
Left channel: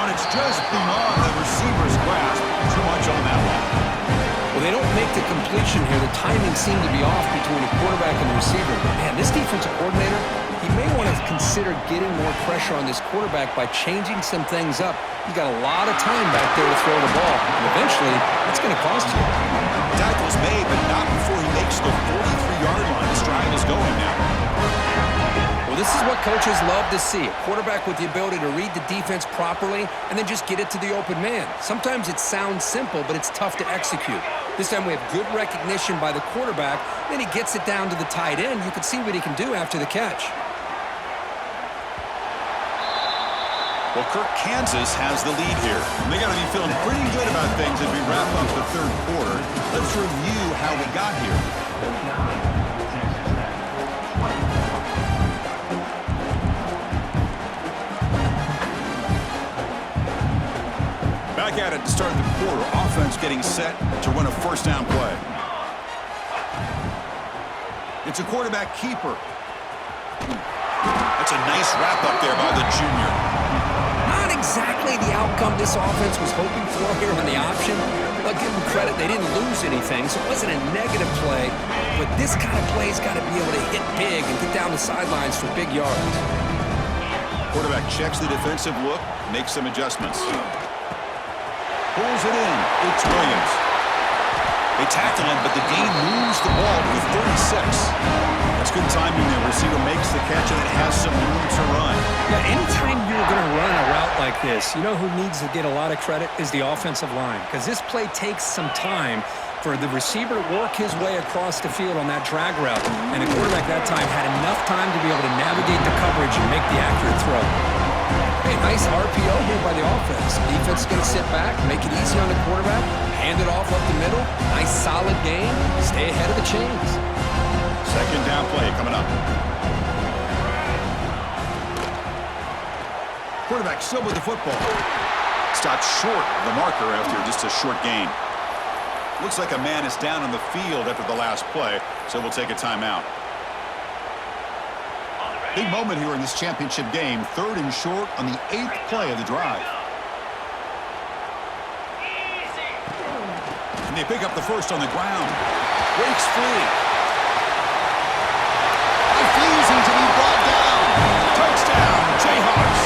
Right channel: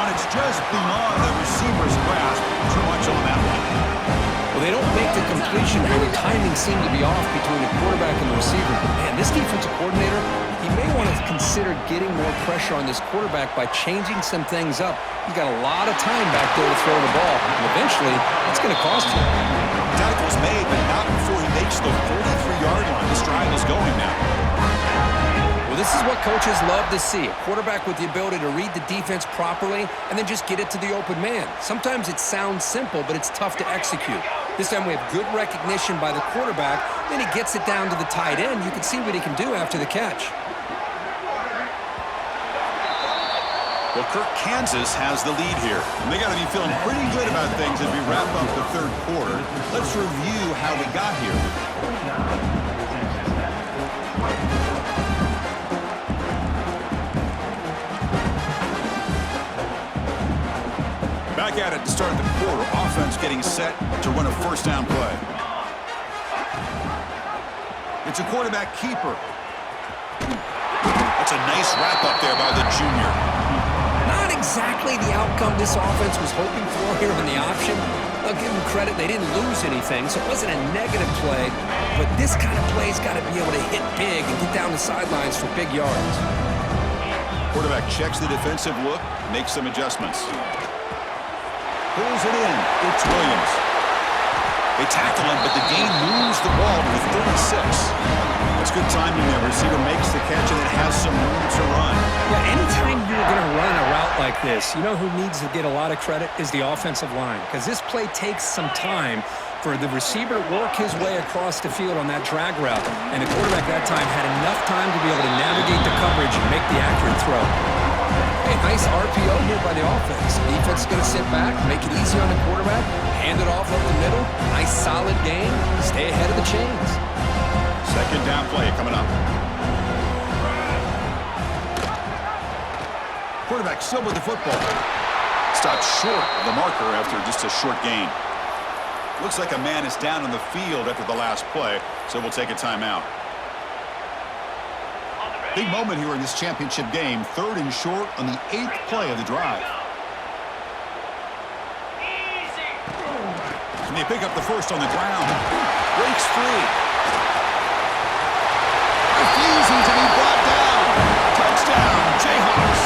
And it's just beyond the receiver's grasp. Too much on that one. Well, they don't make the completion here. The timing seemed to be off between the quarterback and the receiver. But, man, this defensive coordinator, he may want to consider getting more pressure on this quarterback by changing some things up. He's got a lot of time back there to throw the ball. And eventually, it's going to cost you. Tackle's made, but not before he makes the 43-yard line. This drive is going now. Well, this is what coaches love to see. A quarterback with the ability to read the defense properly and then just get it to the open man. Sometimes it sounds simple, but it's tough to execute. This time we have good recognition by the quarterback. Then he gets it down to the tight end. You can see what he can do after the catch. Well, Kirk, Kansas has the lead here. And they got to be feeling pretty good about things as we wrap up the third quarter. Let's review how we got here. 49, Texas Tech, 24. Back at it to start the quarter. Offense getting set to run a first down play. It's a quarterback keeper. That's a nice wrap up there by the junior. Not exactly the outcome this offense was hoping for here on the option. I'll give them credit. They didn't lose anything, so it wasn't a negative play. But this kind of play's got to be able to hit big and get down the sidelines for big yards. Quarterback checks the defensive look, makes some adjustments. Pulls it in. It's Williams. They tackle him, but the gain moves the ball to the 36. That's good timing there. Receiver makes the catch and it has some room to run. Yeah, anytime you're going to run a route like this, you know who needs to get a lot of credit is the offensive line, because this play takes some time for the receiver to work his way across the field on that drag route, and the quarterback that time had enough time to be able to navigate the coverage and make the accurate throw. Hey, nice RPO here by the offense. Defense is going to sit back, make it easy on the quarterback, hand it off up the middle. Nice solid game. Stay ahead of the chains. Second down play coming up. Quarterback still with the football. Stopped short of the marker after just a short gain. Looks like a man is down on the field after the last play, so we'll take a timeout. Big moment here in this championship game. Third and short on the 8th play of the drive. And they pick up the first on the ground. Breaks free. Refusing to be brought down. Touchdown, Jayhawks.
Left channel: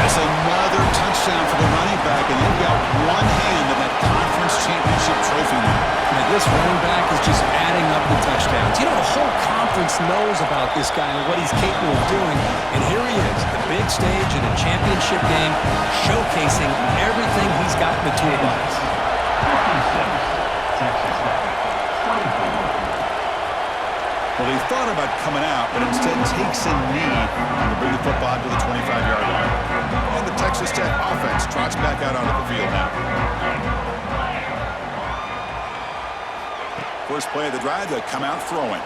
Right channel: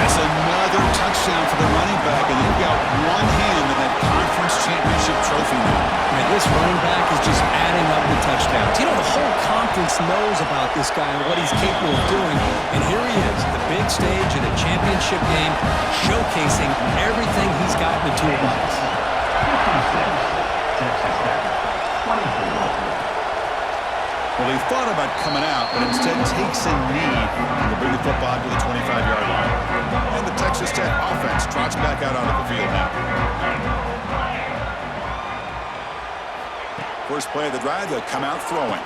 That's another touchdown for the running back, and they've got one hand in that conference championship trophy now. Man, this running back is just adding up the touchdowns. You know, the whole conference knows about this guy and what he's capable of doing, and here he is, the big stage in a championship game, showcasing everything he's got in the toolbox. 56, Texas Tech, 24. Well, he thought about coming out, but instead takes a knee to bring the football to the 25-yard line. And the Texas Tech offense trots back out onto the field now. First play of the drive, they'll come out throwing.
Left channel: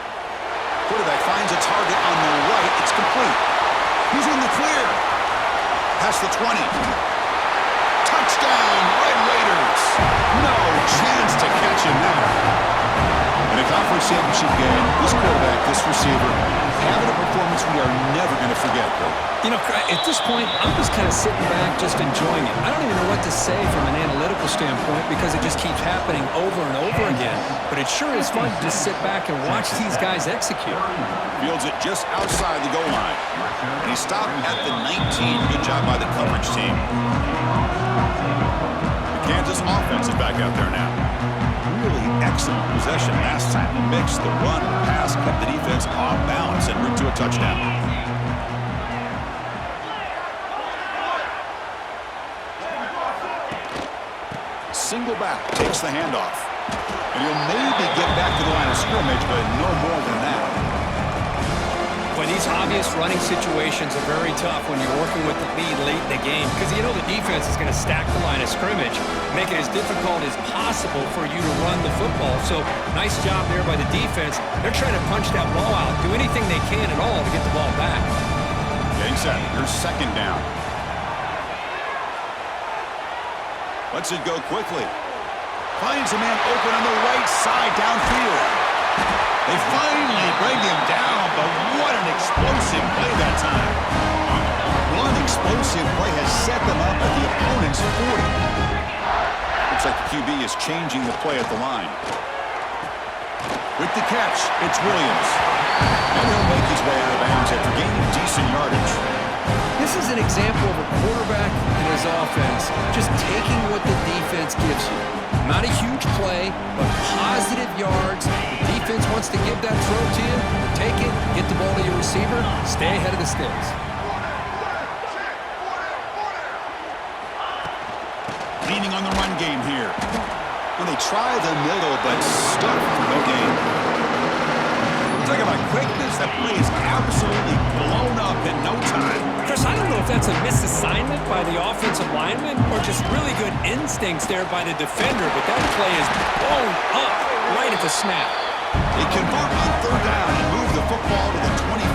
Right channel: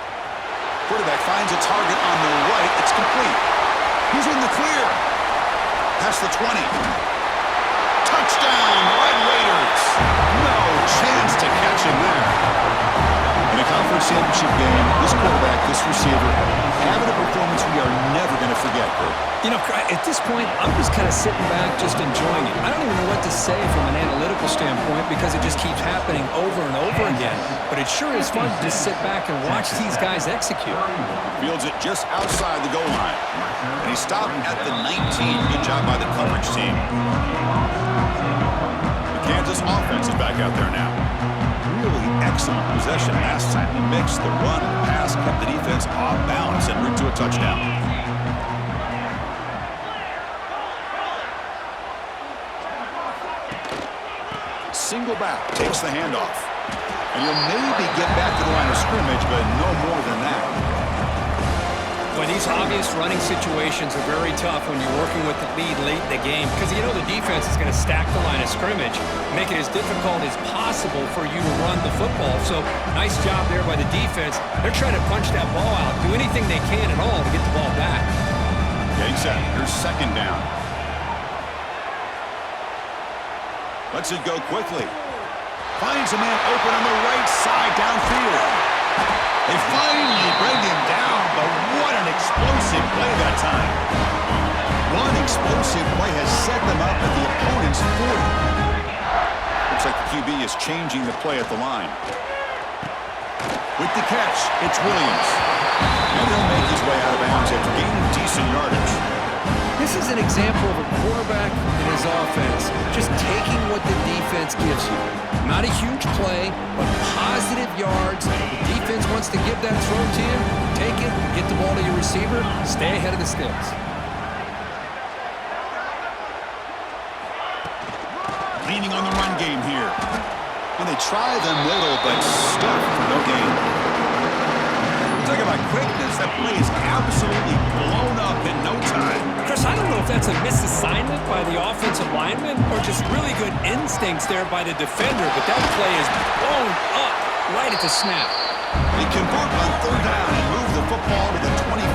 Quarterback finds a target on the right. It's complete. He's in the clear. Past the 20. Touchdown, Red Raiders. No chance to catch him there. In a conference championship game, this quarterback, this receiver, having a performance we are never going to forget, Kurt. You know, at this point, I'm just kind of sitting back, just enjoying it. I don't even know what to say from an analytical standpoint because it just keeps happening over and over again. But it sure is fun to just sit back and watch these guys execute. Fields it just outside the goal line. And he stopped at the 19. Good job by the coverage team. The Kansas offense is back out there now. Really excellent possession last time. The mix, the run, the pass kept the defense off balance and route to a touchdown. Single back takes the handoff. And he'll maybe get back to the line of scrimmage, but no more than that. Well, these obvious running situations are very tough when you're working with the lead late in the game because you know the defense is going to stack the line of scrimmage, make it as difficult as possible for you to run the football. So nice job there by the defense. They're trying to punch that ball out, do anything they can at all to get the ball back. Getting set. Here's second down. Lets it go quickly. Finds a man open on the right side downfield. They finally bring him down, but what an explosive play that time. One explosive play has set them up at the opponent's 40. Looks like the QB is changing the play at the line. With the catch, it's Williams. And he'll make his way out of bounds after gaining decent yardage. This is an example of a quarterback and his offense just taking what the defense gives you. Not a huge play, but positive yards. The defense wants to give that throw to you. Take it, get the ball to your receiver, stay ahead of the sticks. Leaning on the run game here. When they try the middle, but stuck for no gain. Talk about quickness. That play is absolutely blown up in no time. Chris, I don't know if that's a misassignment by the offensive lineman or just really good instincts there by the defender, but that play is blown up right at the snap. They convert on third down and move the football to the 25.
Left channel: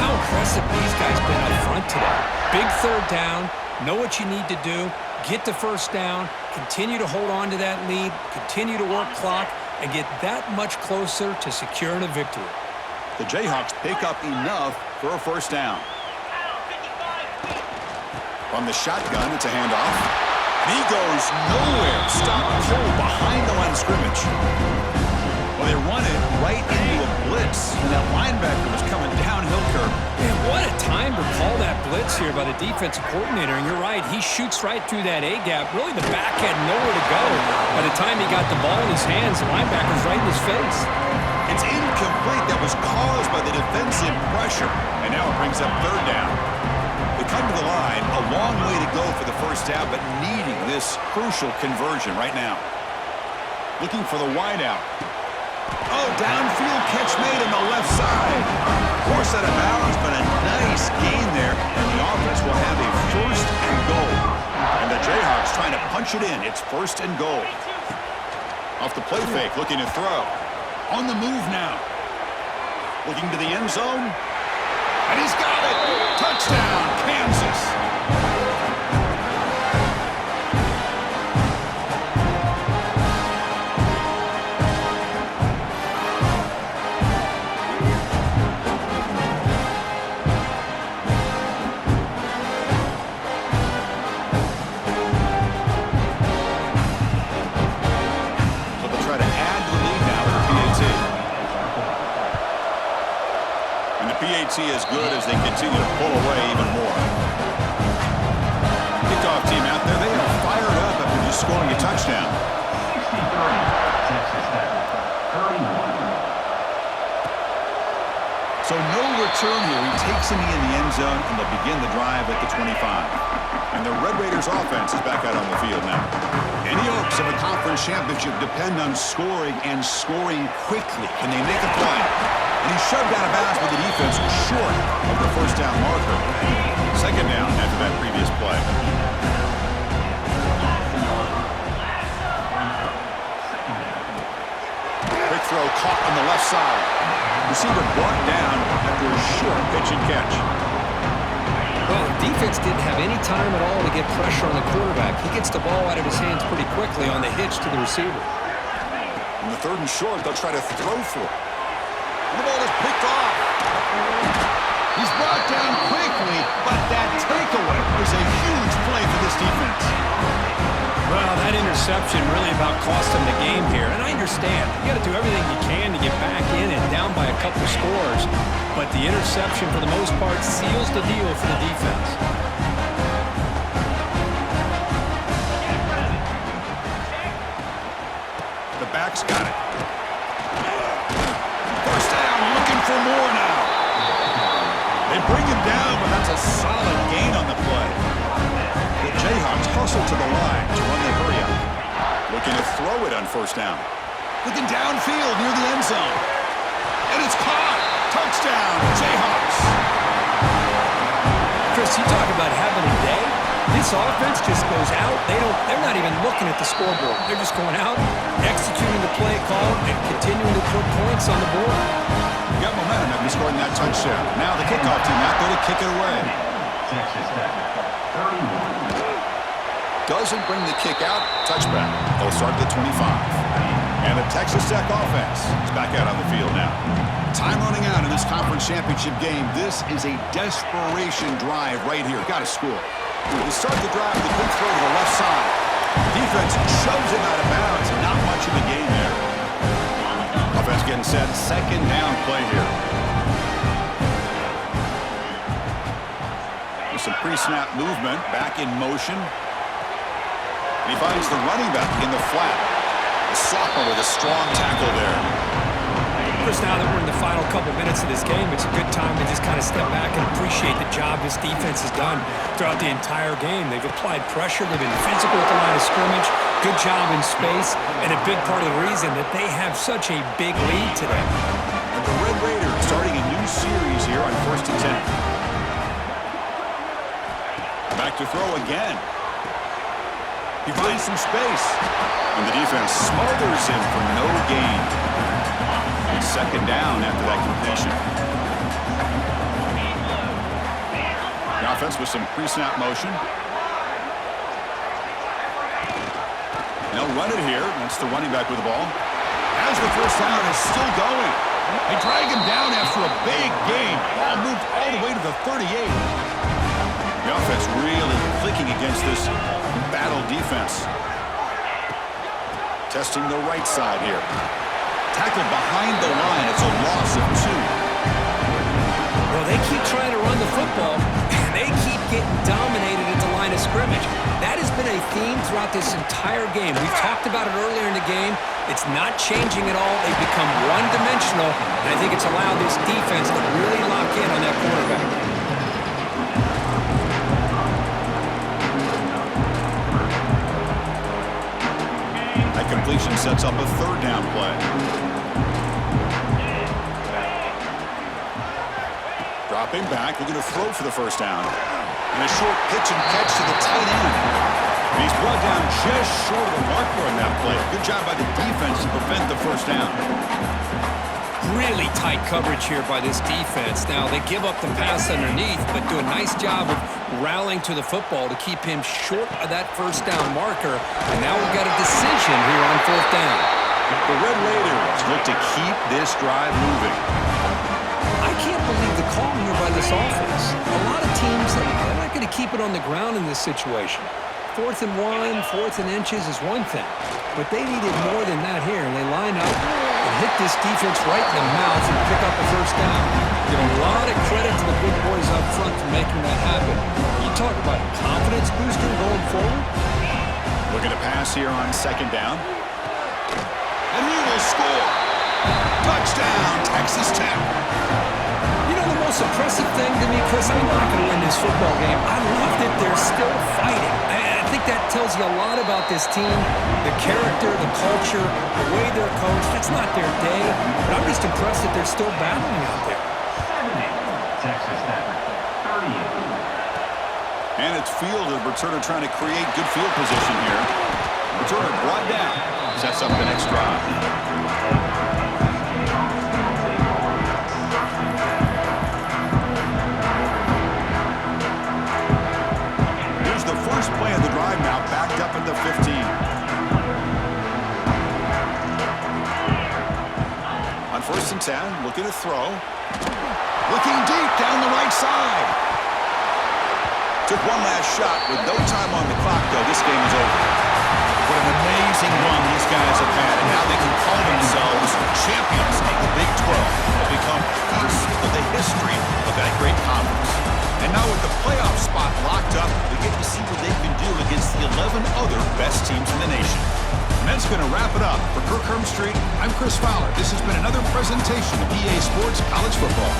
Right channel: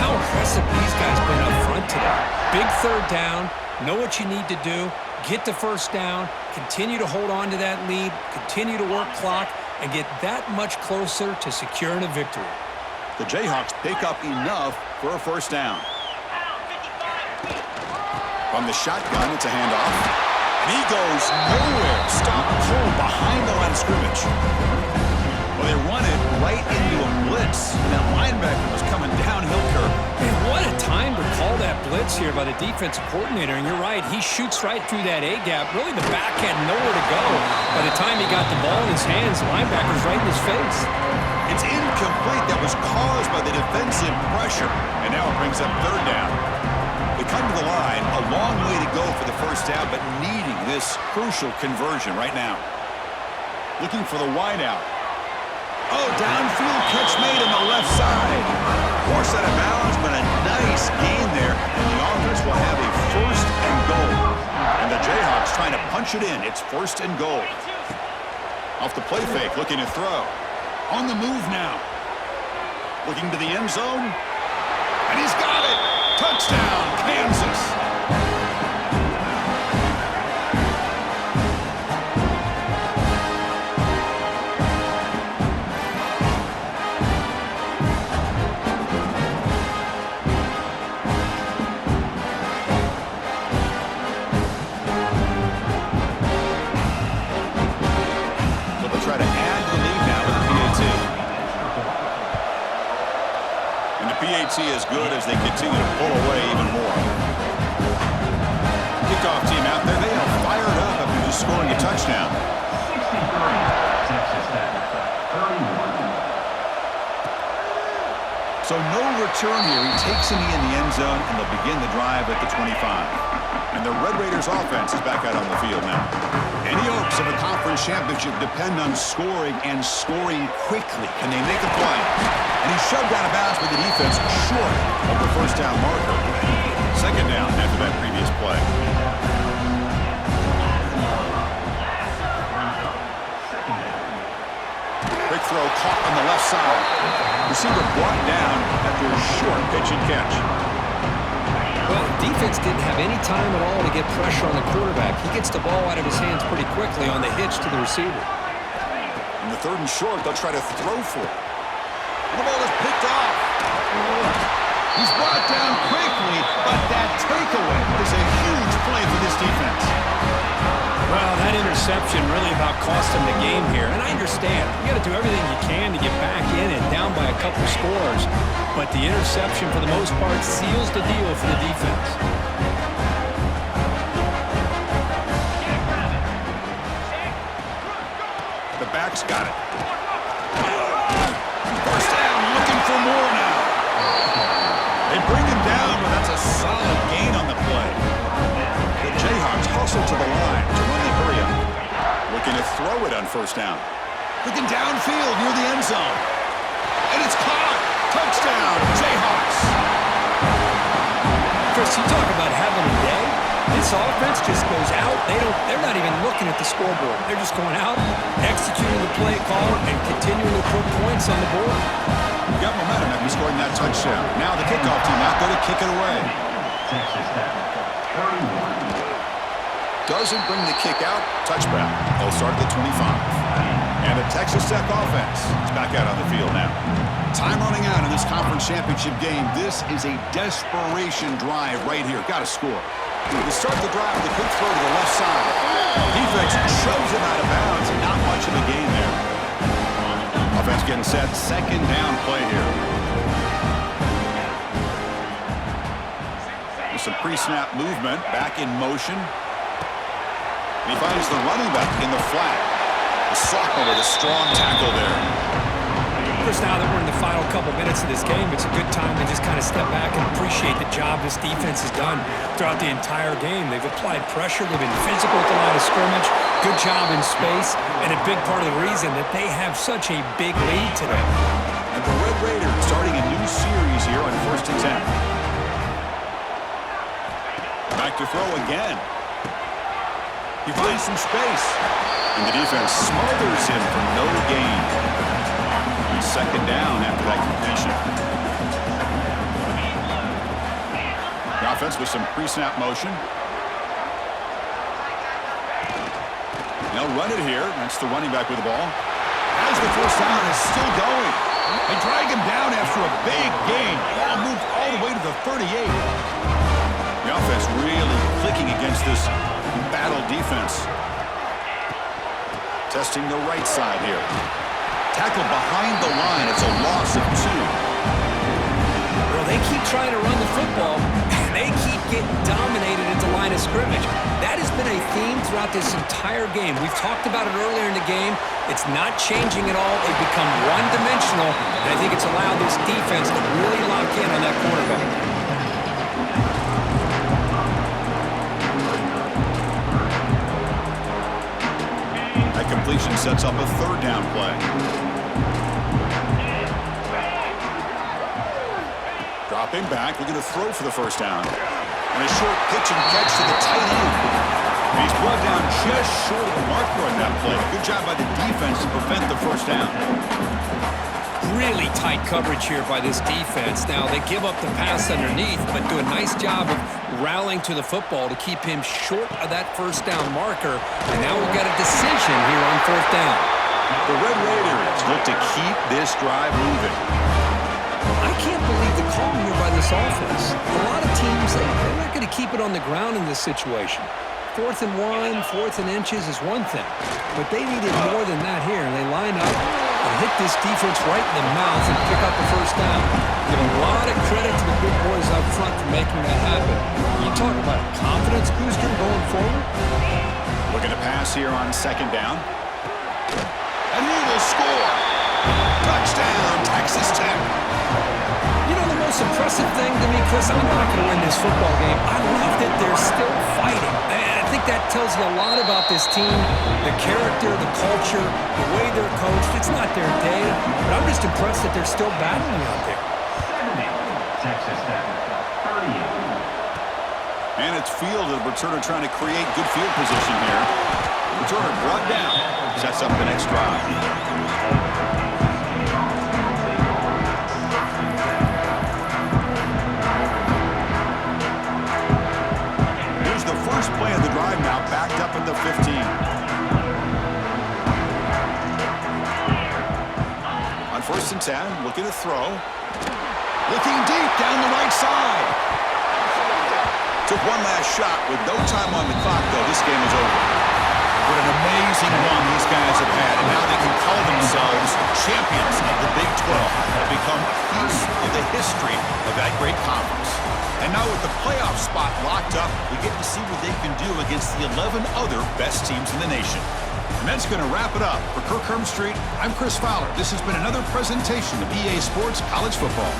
How impressive these guys been up front today. Big third down, know what you need to do, get the first down, continue to hold on to that lead, continue to work clock, and get that much closer to securing a victory. The Jayhawks pick up enough for a first down. From the shotgun, it's a handoff. And he goes nowhere. Stopped cold behind the line of scrimmage. Well, they run it right into a blitz, and that linebacker was coming downhill curve. Man, what a time to call that blitz here by the defensive coordinator. And you're right, he shoots right through that A-gap. Really, the back had nowhere to go. By the time he got the ball in his hands, the linebacker's right in his face. It's incomplete. That was caused by the defensive pressure. And now it brings up third down. They come to the line, a long way to go for the first down, but needing this crucial conversion right now. Looking for the wideout. Oh, downfield catch made on the left side. Forced out of bounds, but a nice gain there. And the offense will have a first and goal. And the Jayhawks trying to punch it in. It's first and goal. Off the play fake, looking to throw. On the move now. Looking to the end zone. And he's got it. Touchdown, Kansas. Try to add to the lead now with the PAT. And the PAT is good as they continue to pull away even more. Kickoff team out there, they are fired up after just scoring a touchdown. 63, Texas Tech, 31. So no return here. He takes him in the end zone, and they'll begin the drive at the 25. And the Red Raiders offense is back out on the field now. Any hopes of a conference championship depend on scoring and scoring quickly. Can they make a play? And he shoved out of bounds with the defense short of the first down marker. Second down after that previous play. Quick throw caught on the left side. Receiver brought down after a short pitch and catch. Well, defense didn't have any time at all to get pressure on the quarterback. He gets the ball out of his hands pretty quickly on the hitch to the receiver. In the third and short, they'll try to throw for it. And the ball is picked off. He's brought down quickly, but that takeaway is a huge play for this defense. Well, that interception really about cost him the game here. And I understand. You got to do everything you can to get back in and down by a couple scores. But the interception, for the most part, seals the deal for the defense. The back's got it. First down, looking for more now. They bring him down, but that's a solid gain on the play. The Jayhawks hustle to the line to run the hurry up. Looking to throw it on first down. Looking downfield near the end zone. And it's caught. Touchdown, Jayhawks. Chris, you talk about having a day. This offense just goes out. They're not even looking at the scoreboard. They're just going out, executing the play call, and continuing to put points on the board. You got momentum after scoring that touchdown. Now the kickoff team out there to kick it away. Texas Tech, 31. Doesn't bring the kick out. Touchback. They'll start at the 25. And the Texas Tech offense is back out on the field now. Time running out in this conference championship game. This is a desperation drive right here. Got to score. To start the drive, the quick throw to the left side. Defense shoves him out of bounds. Not much of a gain there. Offense getting set. Second down play here. With some pre-snap movement. Back in motion. And he finds the running back in the flat. The sophomore with a strong tackle there. Chris, now that we're in the final couple minutes of this game, it's a good time to just kind of step back and appreciate the job this defense has done throughout the entire game. They've applied pressure. They've been physical at the line of scrimmage. Good job in space, and a big part of the reason that they have such a big lead today. And the Red Raiders starting a new series here on 1st and 10. Back to throw again. He finds some space. And the defense smothers him for no gain. It's 2nd down after that completion. The offense with some pre-snap motion. They'll run it here. That's the running back with the ball. As the 1st down is still going. They drag him down after a big gain. Ball moved all the way to the 38. The offense really clicking against this battle defense. Testing the right side here. Tackled behind the line. It's a loss of 2. Well, they keep trying to run the football, and they keep getting dominated at the line of scrimmage. That has been a theme throughout this entire game. We've talked about it earlier in the game. It's not changing at all. They've become one-dimensional, and I think it's allowed this defense to really lock in on that quarterback. That completion sets up a 3rd down play. Dropping back, looking to throw for the 1st down. And a short pitch and catch to the tight end. And he's brought down just short of the marker on that play. Good job by the defense to prevent the 1st down. Really tight coverage here by this defense. Now, they give up the pass underneath, but do a nice job of rallying to the football to keep him short of that 1st down marker. And now we've got a decision here on 4th down. The Red Raiders look to keep this drive moving. I can't believe the call here by this offense. A lot of teams, they're not going to keep it on the ground in this situation. 4th and 1, 4th and inches is one thing, but they needed more than that here, and they line up and hit this defense right in the mouth and pick up a 1st down. Give a lot of credit to the big boys up front for making that happen. You talk about a confidence booster going forward. Looking to pass here on 2nd down. And he will score. Touchdown, Texas Tech. You know, the most impressive thing to me, Chris, I'm not going to win this football game. I love that they're still fighting. And I think that tells you a lot about this team, the character, the culture, the way they're coached. It's not their day, but I'm just impressed that they're still battling out there. 70, Texas Tech, 38. And it's field, the returner trying to create good field position here. Returner brought down, sets up the next drive. First play of the drive now, backed up at the 15. On 1st and 10, looking to throw. Looking deep down the right side. Took one last shot with no time on the clock, though. This game is over. What an amazing run these guys have had, and now they can call themselves champions of the Big 12 and become a piece of the history of that great conference. And now with the playoff spot locked up, we get to see what they can do against the 11 other best teams in the nation. And that's going to wrap it up. For Kirk Hermstreet, I'm Chris Fowler. This has been another presentation of EA Sports College Football.